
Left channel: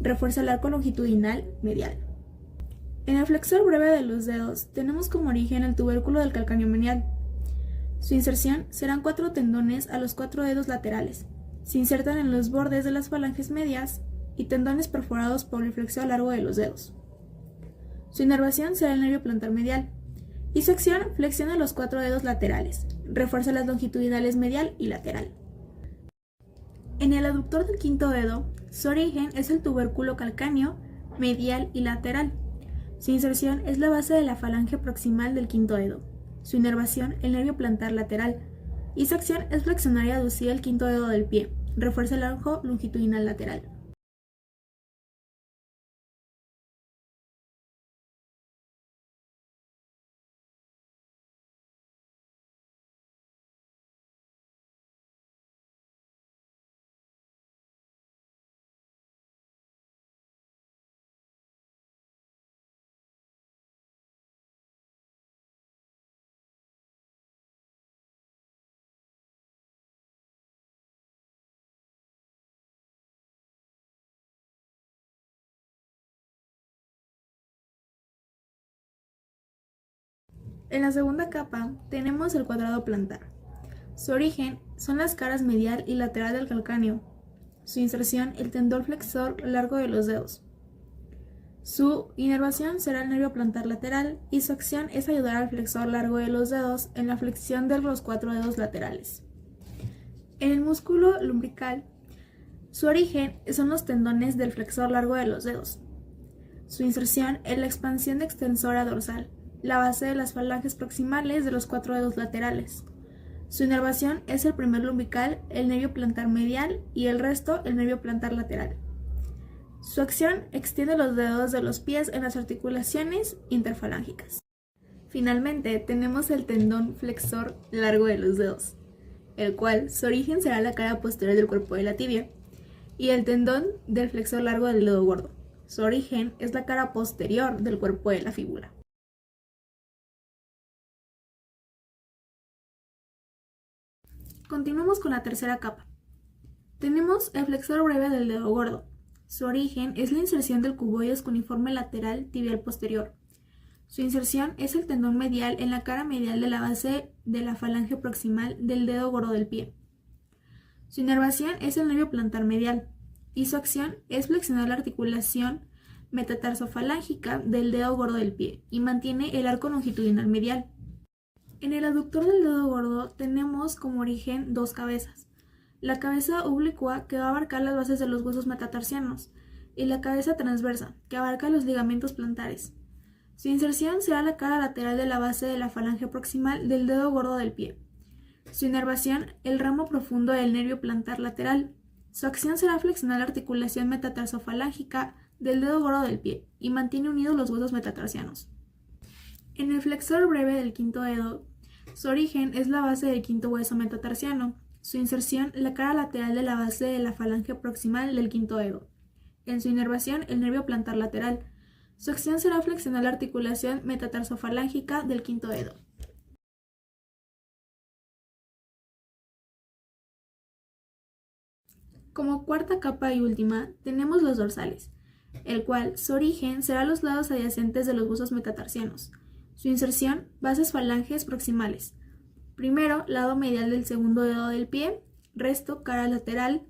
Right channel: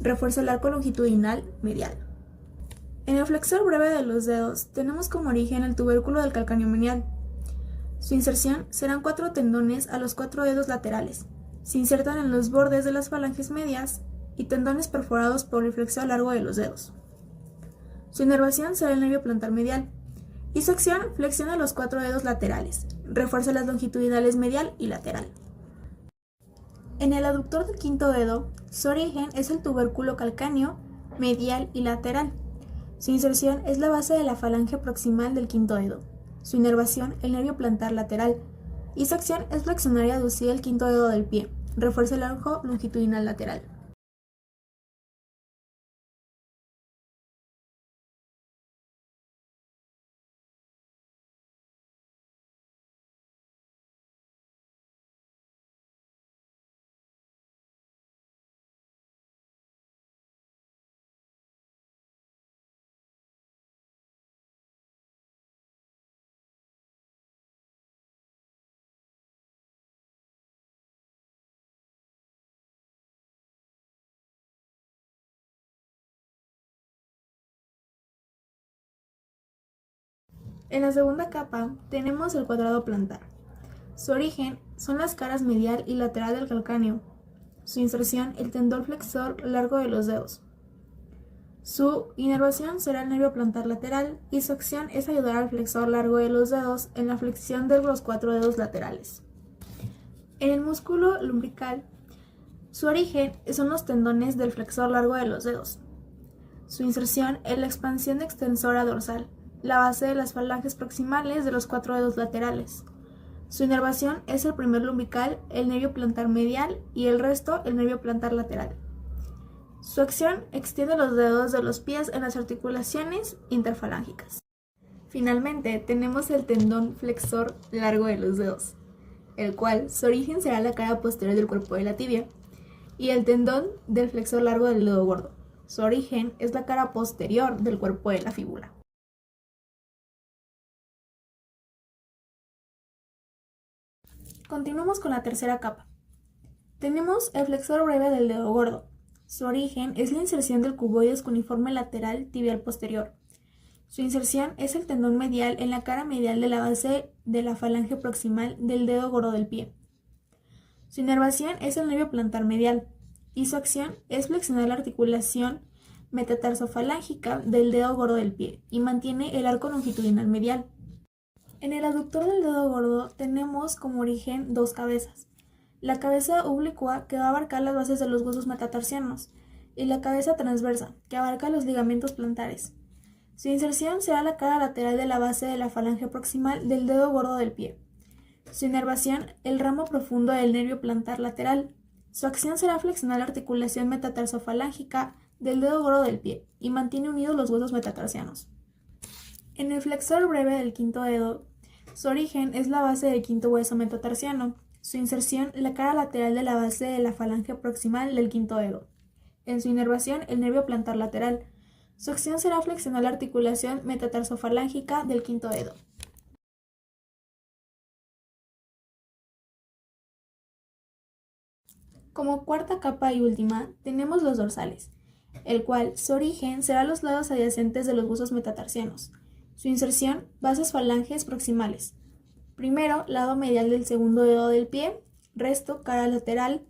Refuerza el arco longitudinal medial. En el flexor breve de los dedos tenemos como origen el tubérculo del calcáneo menial. Su inserción serán 4 tendones a los 4 dedos laterales. Se insertan en los bordes de las falanges medias y tendones perforados por el flexor largo de los dedos. Su inervación será el nervio plantar medial. Y su acción flexiona los 4 dedos laterales. Refuerza las longitudinales medial y lateral. En el aductor del quinto dedo, su origen es el tubérculo calcáneo, medial y lateral. Su inserción es la base de la falange proximal del quinto dedo. Su inervación, el nervio plantar lateral. Y su acción es flexionar y aducir el quinto dedo del pie. Refuerza el arco longitudinal lateral. En la segunda capa tenemos el cuadrado plantar. Su origen son las caras medial y lateral del calcáneo. Su inserción, el tendón flexor largo de los dedos. Su inervación será el nervio plantar lateral y su acción es ayudar al flexor largo de los dedos en la flexión de los 4 dedos laterales. En el músculo lumbrical, su origen son los tendones del flexor largo de los dedos. Su inserción es la expansión extensora dorsal, la base de las falanges proximales de los 4 dedos laterales. Su inervación es el primer lumbrical, el nervio plantar medial y el resto el nervio plantar lateral. Su acción extiende los dedos de los pies en las articulaciones interfalángicas. Finalmente tenemos el tendón flexor largo de los dedos, el cual su origen será la cara posterior del cuerpo de la tibia, y el tendón del flexor largo del dedo gordo. Su origen es la cara posterior del cuerpo de la fíbula. Continuemos con la tercera capa. Tenemos el flexor breve del dedo gordo. Su origen es la inserción del cuboides cuneiforme lateral tibial posterior. Su inserción es el tendón medial en la cara medial de la base de la falange proximal del dedo gordo del pie. Su inervación es el nervio plantar medial y su acción es flexionar la articulación metatarsofalángica del dedo gordo del pie y mantiene el arco longitudinal medial. En el aductor del dedo gordo tenemos como origen dos cabezas. La cabeza oblicua, que va a abarcar las bases de los huesos metatarsianos, y la cabeza transversa, que abarca los ligamentos plantares. Su inserción será la cara lateral de la base de la falange proximal del dedo gordo del pie. Su inervación, el ramo profundo del nervio plantar lateral. Su acción será flexionar la articulación metatarsofalángica del dedo gordo del pie y mantiene unidos los huesos metatarsianos. En el flexor breve del quinto dedo, su origen es la base del quinto hueso metatarsiano. Su inserción, la cara lateral de la base de la falange proximal del quinto dedo. En su inervación, el nervio plantar lateral. Su acción será flexionar la articulación metatarsofalángica del quinto dedo. Como cuarta capa y última, tenemos los dorsales, el cual su origen será los lados adyacentes de los huesos metatarsianos. Su inserción, bases falanges proximales. Primero, lado medial del segundo dedo del pie, resto, cara lateral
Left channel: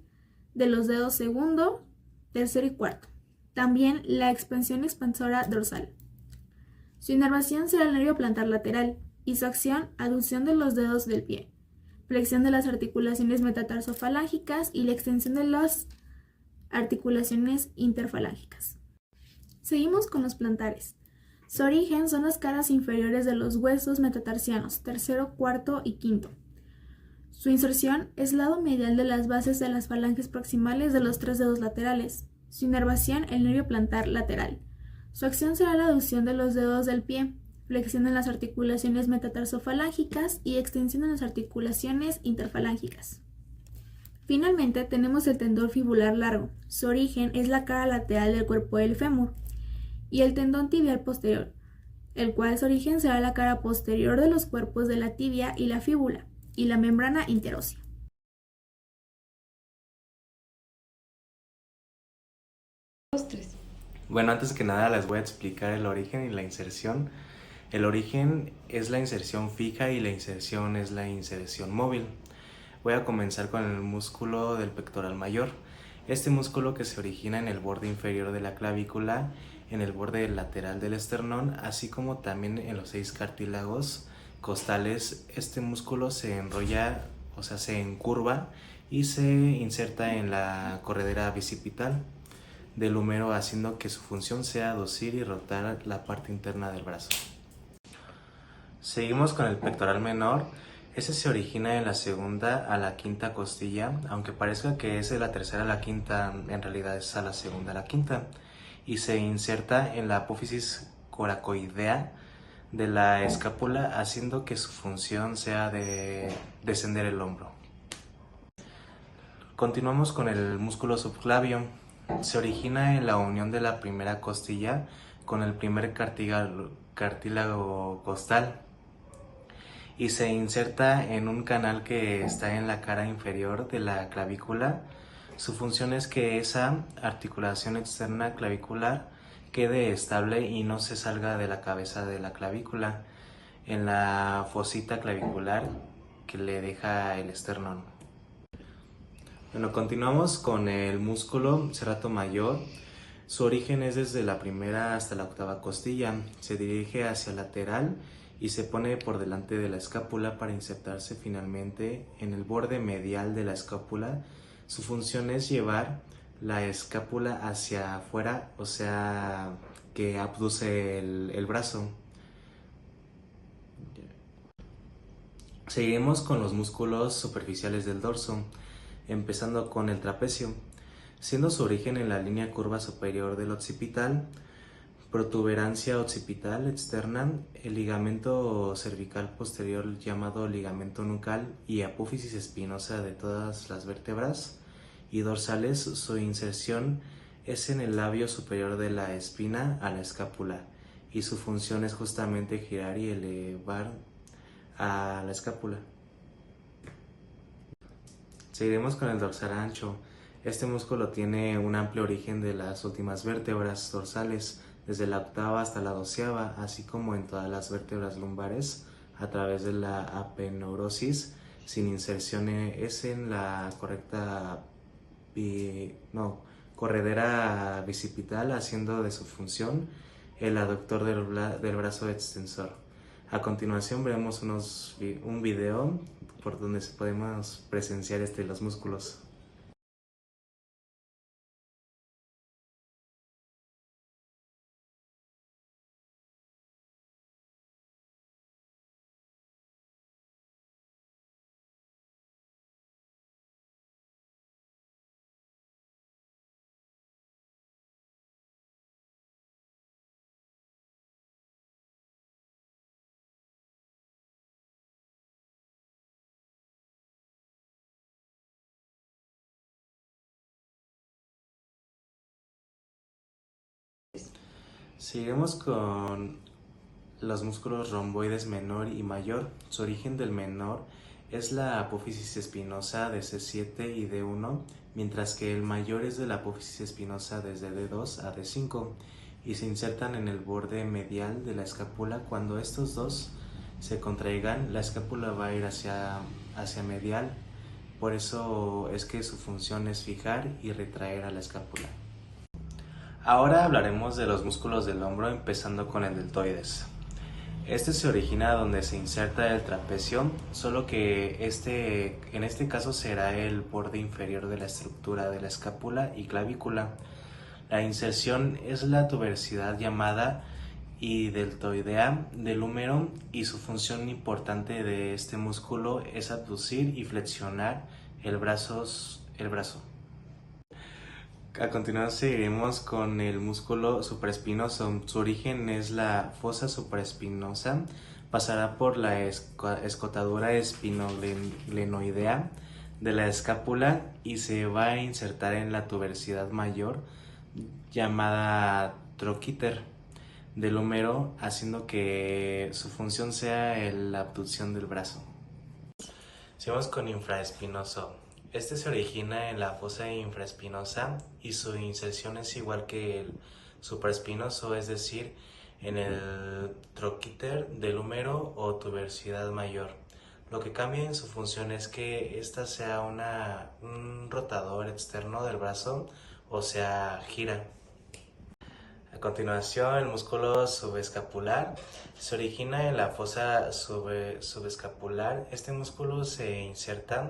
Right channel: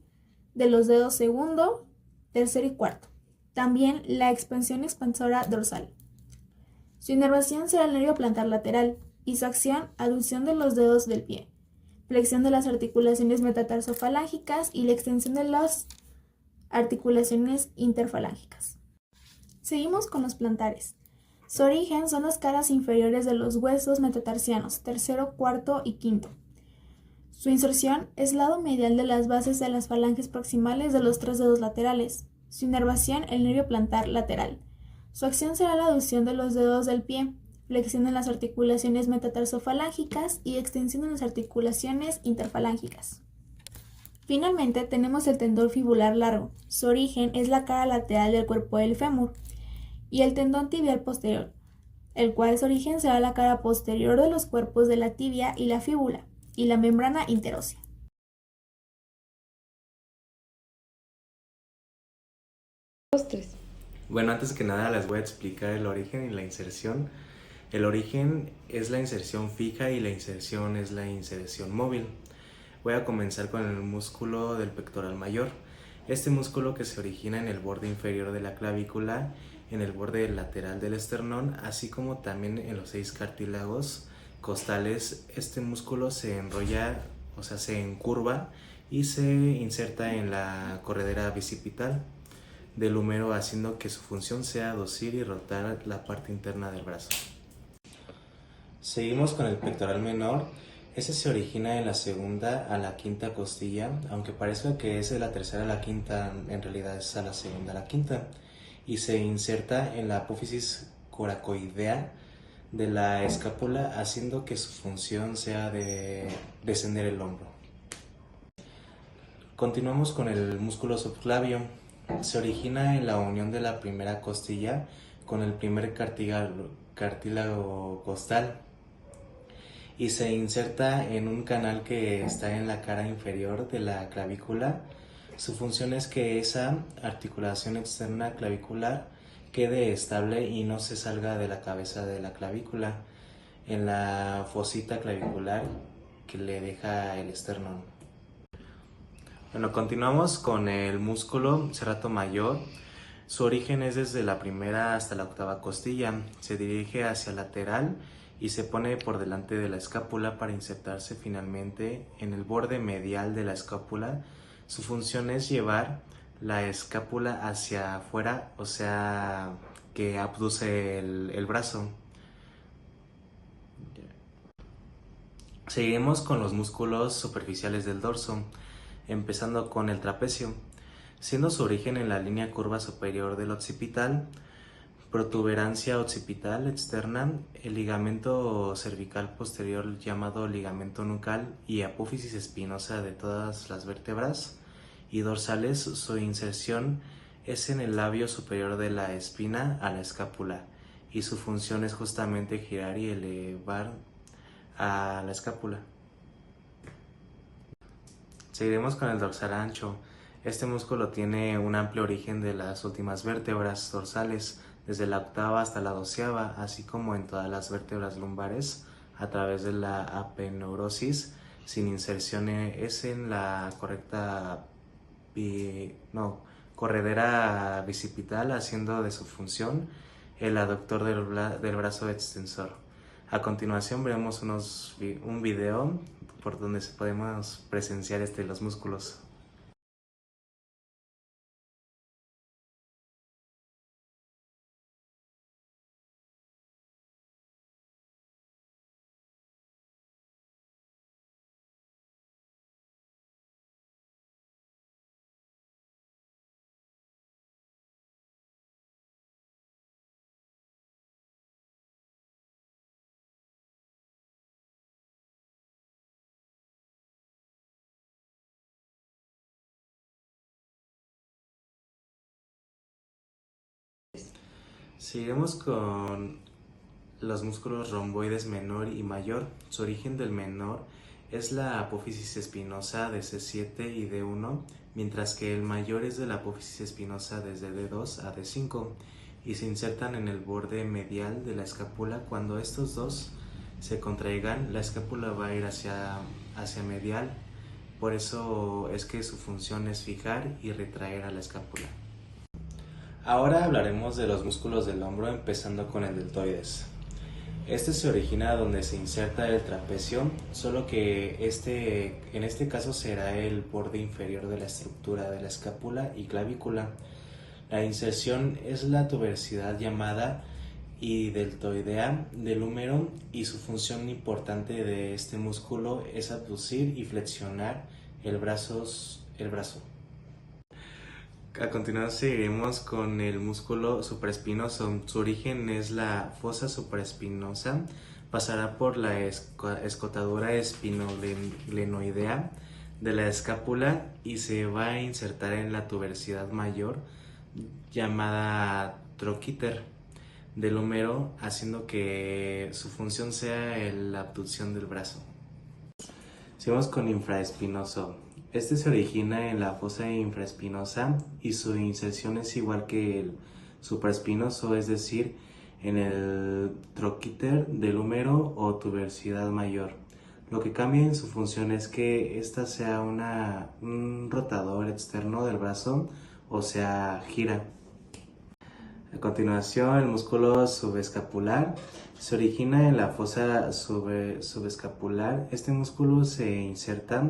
de los dedos segundo, tercero y cuarto. También la expansión expansora dorsal. Su inervación será el nervio plantar lateral y su acción, aducción de los dedos del pie, flexión de las articulaciones metatarsofalángicas y la extensión de las articulaciones interfalángicas. Seguimos con los plantares. Su origen son las caras inferiores de los huesos metatarsianos, tercero, cuarto y quinto. Su inserción es lado medial de las bases de las falanges proximales de los 3 dedos laterales. Su inervación, el nervio plantar lateral. Su acción será la aducción de los dedos del pie, flexión en las articulaciones metatarsofalángicas y extensión en las articulaciones interfalángicas. Finalmente tenemos el tendón fibular largo. Su origen es la cara lateral del cuerpo del fémur y el tendón tibial posterior, el cual su origen será la cara posterior de los cuerpos de la tibia y la fíbula y la membrana interósea. Bueno, antes que nada les voy a explicar el origen y la inserción. El origen es la inserción fija y la inserción es la inserción móvil. Voy a comenzar con el músculo del pectoral mayor. Este músculo que se origina en el borde inferior de la clavícula, en el borde lateral del esternón, así como también en los 6 cartílagos costales. Este músculo se enrolla, o sea, se encurva y se inserta en la corredera bicipital del húmero, haciendo que su función sea aducir y rotar la parte interna del brazo. Seguimos con el pectoral menor. Este se origina en la segunda a la quinta costilla, aunque parezca que es de la tercera a la quinta, en realidad es a la segunda a la quinta, y se inserta en la apófisis coracoidea de la escápula, haciendo que su función sea de descender el hombro. Continuamos con el músculo subclavio. Se origina en la unión de la primera costilla con el primer cartílago costal y se inserta en un canal que está en la cara inferior de la clavícula. Su función es que esa articulación externa clavicular quede estable y no se salga de la cabeza de la clavícula. en la fosita clavicular que le deja el esternón. Bueno, continuamos con el músculo serrato mayor. Su origen es desde la primera hasta la octava costilla. Se dirige hacia el lateral y se pone por delante de la escápula para insertarse finalmente en el borde medial de la escápula. Su función es llevar la escápula hacia afuera, o sea, que abduce el brazo. Seguiremos con los músculos superficiales del dorso, empezando con el trapecio, siendo su origen en la línea curva superior del occipital, protuberancia occipital externa, el ligamento cervical posterior llamado ligamento nucal y apófisis espinosa de todas las vértebras y dorsales. Su inserción es en el labio superior de la espina a la escápula y su función es justamente girar y elevar a la escápula. Seguiremos con el dorsal ancho. Este músculo tiene un amplio origen de las últimas vértebras dorsales, desde la octava hasta la doceava, así como en todas las vértebras lumbares, a través de la apeneurosis, sin inserción es en la corredera bicipital, haciendo de su función el aductor del brazo extensor. A continuación veremos un video por donde podemos presenciar los músculos. Seguiremos con los músculos romboides menor y mayor. Su origen del menor es la apófisis espinosa de C7 y D1, mientras que el mayor es de la apófisis espinosa desde D2 a D5 y se insertan en el borde medial de la escápula. Cuando estos dos se contraigan, la escápula va a ir hacia medial, por eso es que su función es fijar y retraer a la escápula. Ahora hablaremos de los músculos del hombro, empezando con el deltoides. Este se origina donde se inserta el trapecio, solo que en este caso será el borde inferior de la estructura de la escápula y clavícula. La inserción es la tuberosidad llamada y deltoidea del húmero, y su función importante de este músculo es abducir y flexionar el brazo. A continuación seguiremos con el músculo supraespinoso. Su origen es la fosa supraespinosa, pasará por la escotadura espinoglenoidea de la escápula y se va a insertar en la tuberosidad mayor llamada troquíter del húmero, haciendo que su función sea la abducción del brazo. Seguimos con infraespinoso. Este se origina en la fosa infraespinosa y su inserción es igual que el supraespinoso, es decir, en el troquíter del húmero o tuberosidad mayor. Lo que cambia en su función es que esta sea un rotador externo del brazo, o sea, gira. A continuación, el músculo subescapular se origina en la fosa subescapular. Este músculo se inserta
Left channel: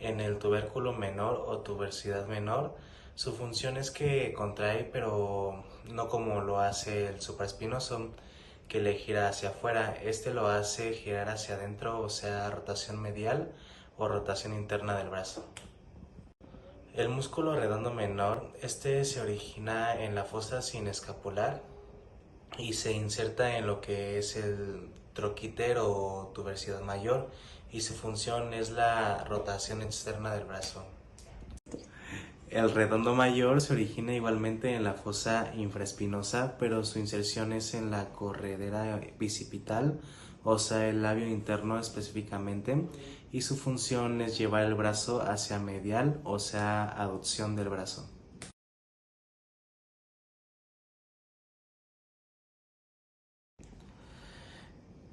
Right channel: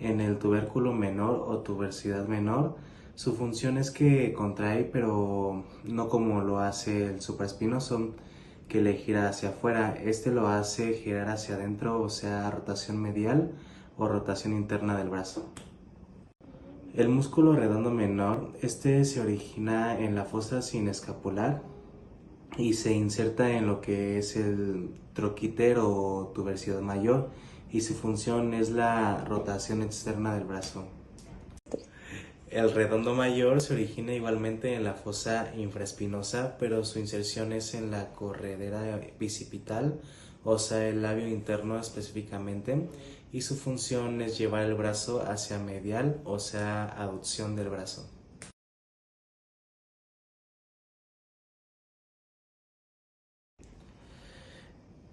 en el tubérculo menor o tuberosidad menor. Su función es que contrae, pero no como lo hace el supraespinoso, que le gira hacia afuera. Este lo hace girar hacia adentro, o sea, rotación medial o rotación interna del brazo. El músculo redondo menor, este se origina en la fosa sinescapular y se inserta en lo que es el troquíter o tuberosidad mayor, y su función es la rotación externa del brazo. El redondo mayor se origina igualmente en la fosa infraespinosa, pero su inserción es en la corredera bicipital, o sea, el labio interno específicamente, y su función es llevar el brazo hacia medial, o sea, aducción del brazo.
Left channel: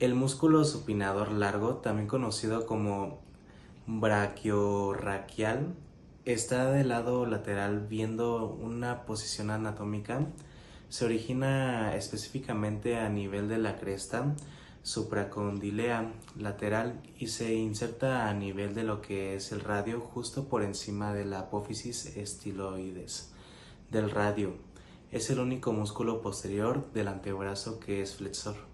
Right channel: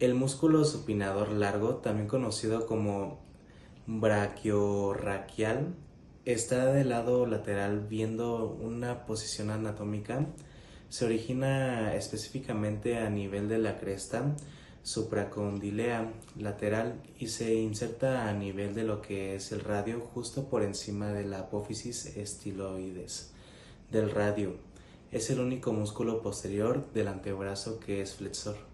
El músculo supinador largo, también conocido como braquiorraquial, está del lado lateral viendo una posición anatómica. Se origina específicamente a nivel de la cresta supracondilea lateral y se inserta a nivel de lo que es el radio, justo por encima de la apófisis estiloides del radio. Es el único músculo posterior del antebrazo que es flexor.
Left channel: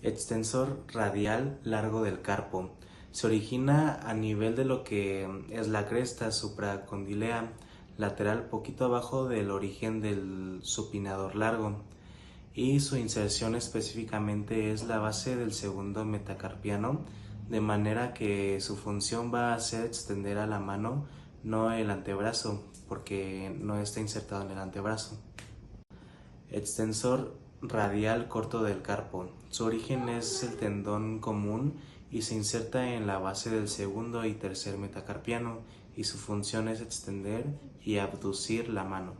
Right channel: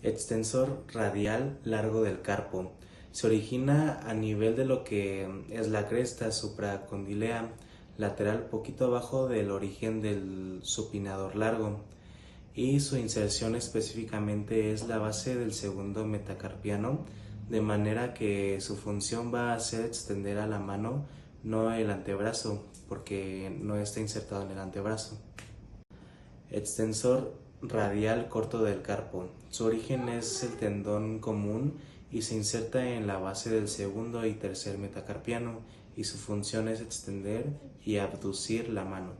Extensor radial largo del carpo. Se origina a nivel de lo que es la cresta supracondilea lateral, poquito abajo del origen del supinador largo, y su inserción específicamente es la base del segundo metacarpiano, de manera que su función va a ser extender a la mano, no el antebrazo, porque no está insertado en el antebrazo. Extensor radial corto del carpo. Su origen es el tendón común y se inserta en la base del segundo y tercer metacarpiano, y su función es extender y abducir la mano.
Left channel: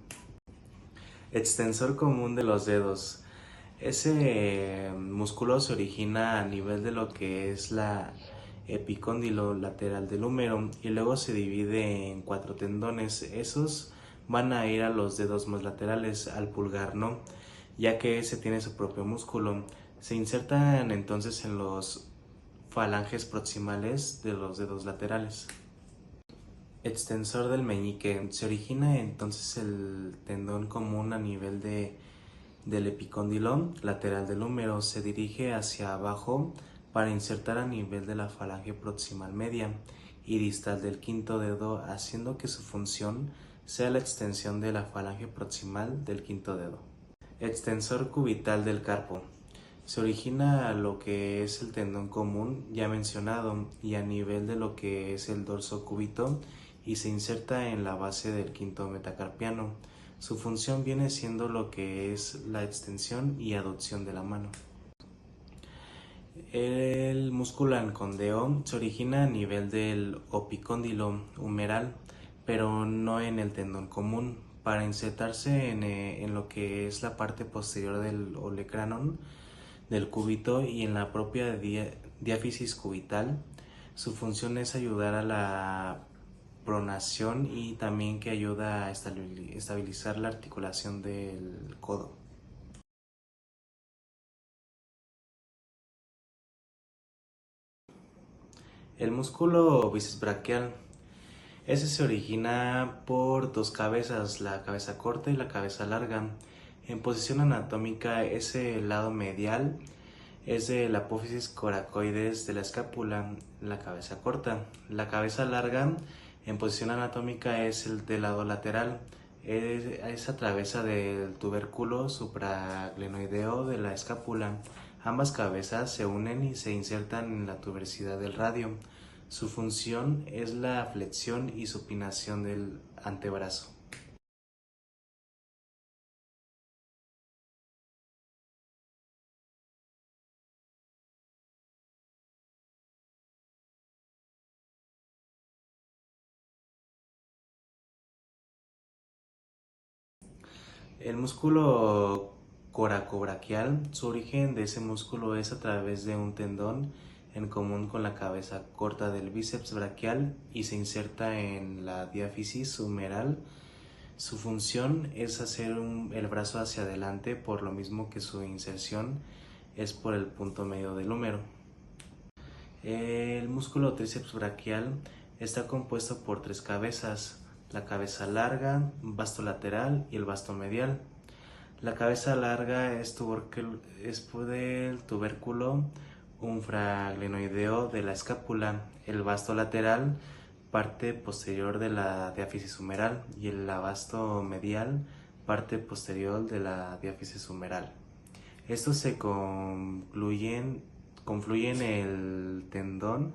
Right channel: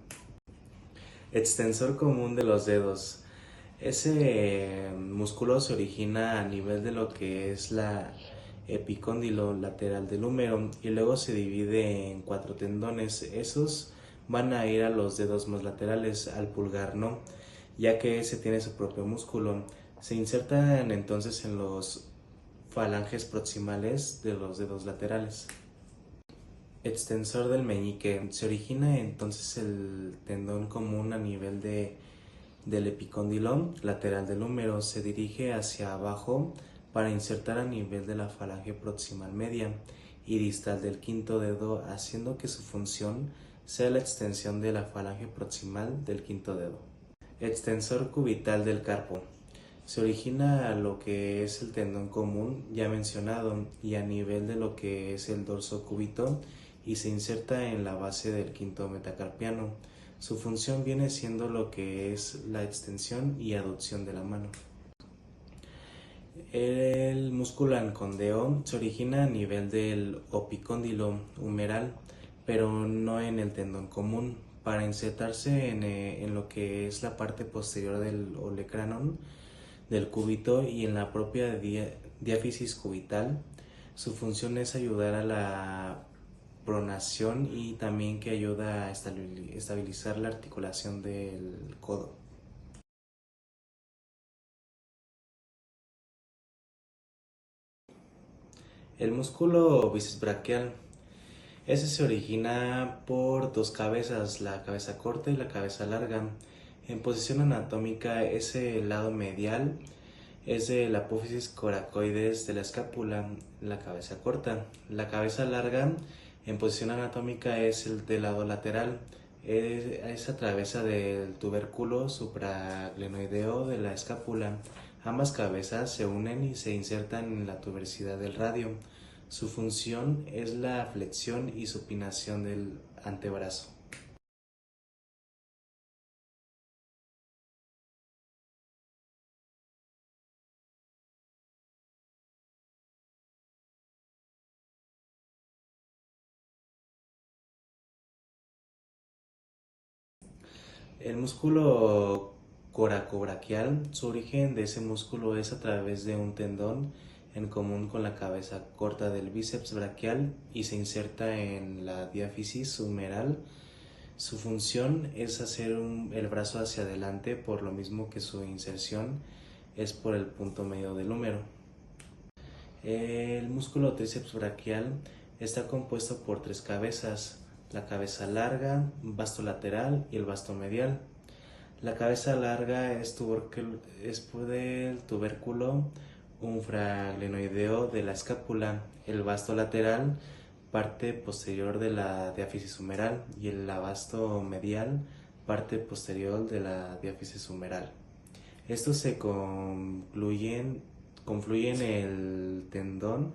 Extensor común de los dedos. Ese músculo se origina a nivel de lo que es la epicóndilo lateral del húmero y luego se divide en 4 tendones. Esos van a ir a los dedos más laterales, al pulgar no, ya que ese tiene su propio músculo. Se insertan entonces en los falanges proximales de los dedos laterales. Extensor del meñique. Se origina entonces el tendón común a nivel del epicóndilo lateral del húmero. Se dirige hacia abajo para insertar a nivel de la falange proximal media y distal del quinto dedo, haciendo que su función sea la extensión de la falange proximal del quinto dedo. Extensor cubital del carpo. Se origina a lo que es el tendón común ya mencionado y a nivel de lo que es el dorso cúbito, y se inserta en la base del quinto metacarpiano. Su función viene siendo lo que es la extensión y aducción de la mano. El músculo ancondeo se origina a nivel del opicóndilo humeral, pero no en el tendón común, para insertarse en lo que es la parte posterior del olecranon del cúbito y en la propia diáfisis cubital. Su función es ayudar a la pronación y también que ayuda a estabilizar la articulación del codo. El músculo bíceps braquial. Ese se origina por 2 cabezas, la cabeza corta y la cabeza larga. En posición anatómica, ese lado medial es de la apófisis coracoides de la escápula, la cabeza corta. La cabeza larga, en posición anatómica, es el del lado lateral. Es atravesa del tubérculo supraglenoideo de la escápula. Ambas cabezas se unen y se insertan en la tuberosidad del radio. Su función es la flexión y supinación del antebrazo. El músculo coracobraquial, su origen de ese músculo es a través de un tendón en común con la cabeza corta del bíceps braquial y se inserta en la diáfisis humeral. Su función es hacer el brazo hacia adelante, por lo mismo que su inserción es por el punto medio del húmero. El músculo tríceps braquial está compuesto por 3 cabezas: la cabeza larga, vasto lateral y el vasto medial. La cabeza larga es del tubérculo infraglenoideo de la escápula, el vasto lateral, parte posterior de la diáfisis humeral, y el vasto medial, parte posterior de la diáfisis humeral. Estos se confluyen en el tendón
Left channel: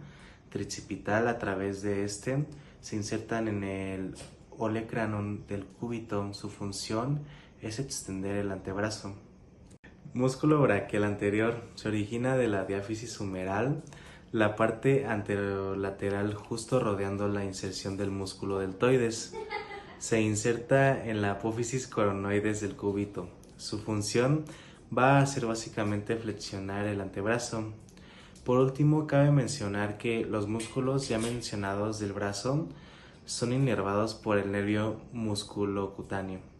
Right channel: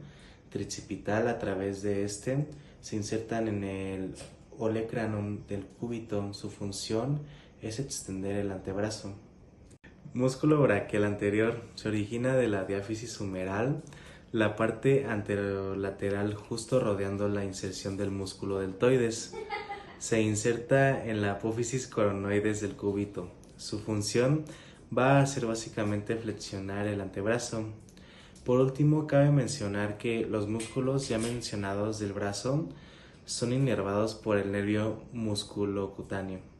tricipital. A través de este se insertan en el olecranon del cúbito. Su función es extender el antebrazo. Músculo braquial anterior. Se origina de la diáfisis humeral, la parte anterolateral justo rodeando la inserción del músculo deltoides. Se inserta en la apófisis coronoides del cúbito. Su función va a hacer básicamente flexionar el antebrazo. Por último, cabe mencionar que los músculos ya mencionados del brazo son inervados por el nervio musculocutáneo.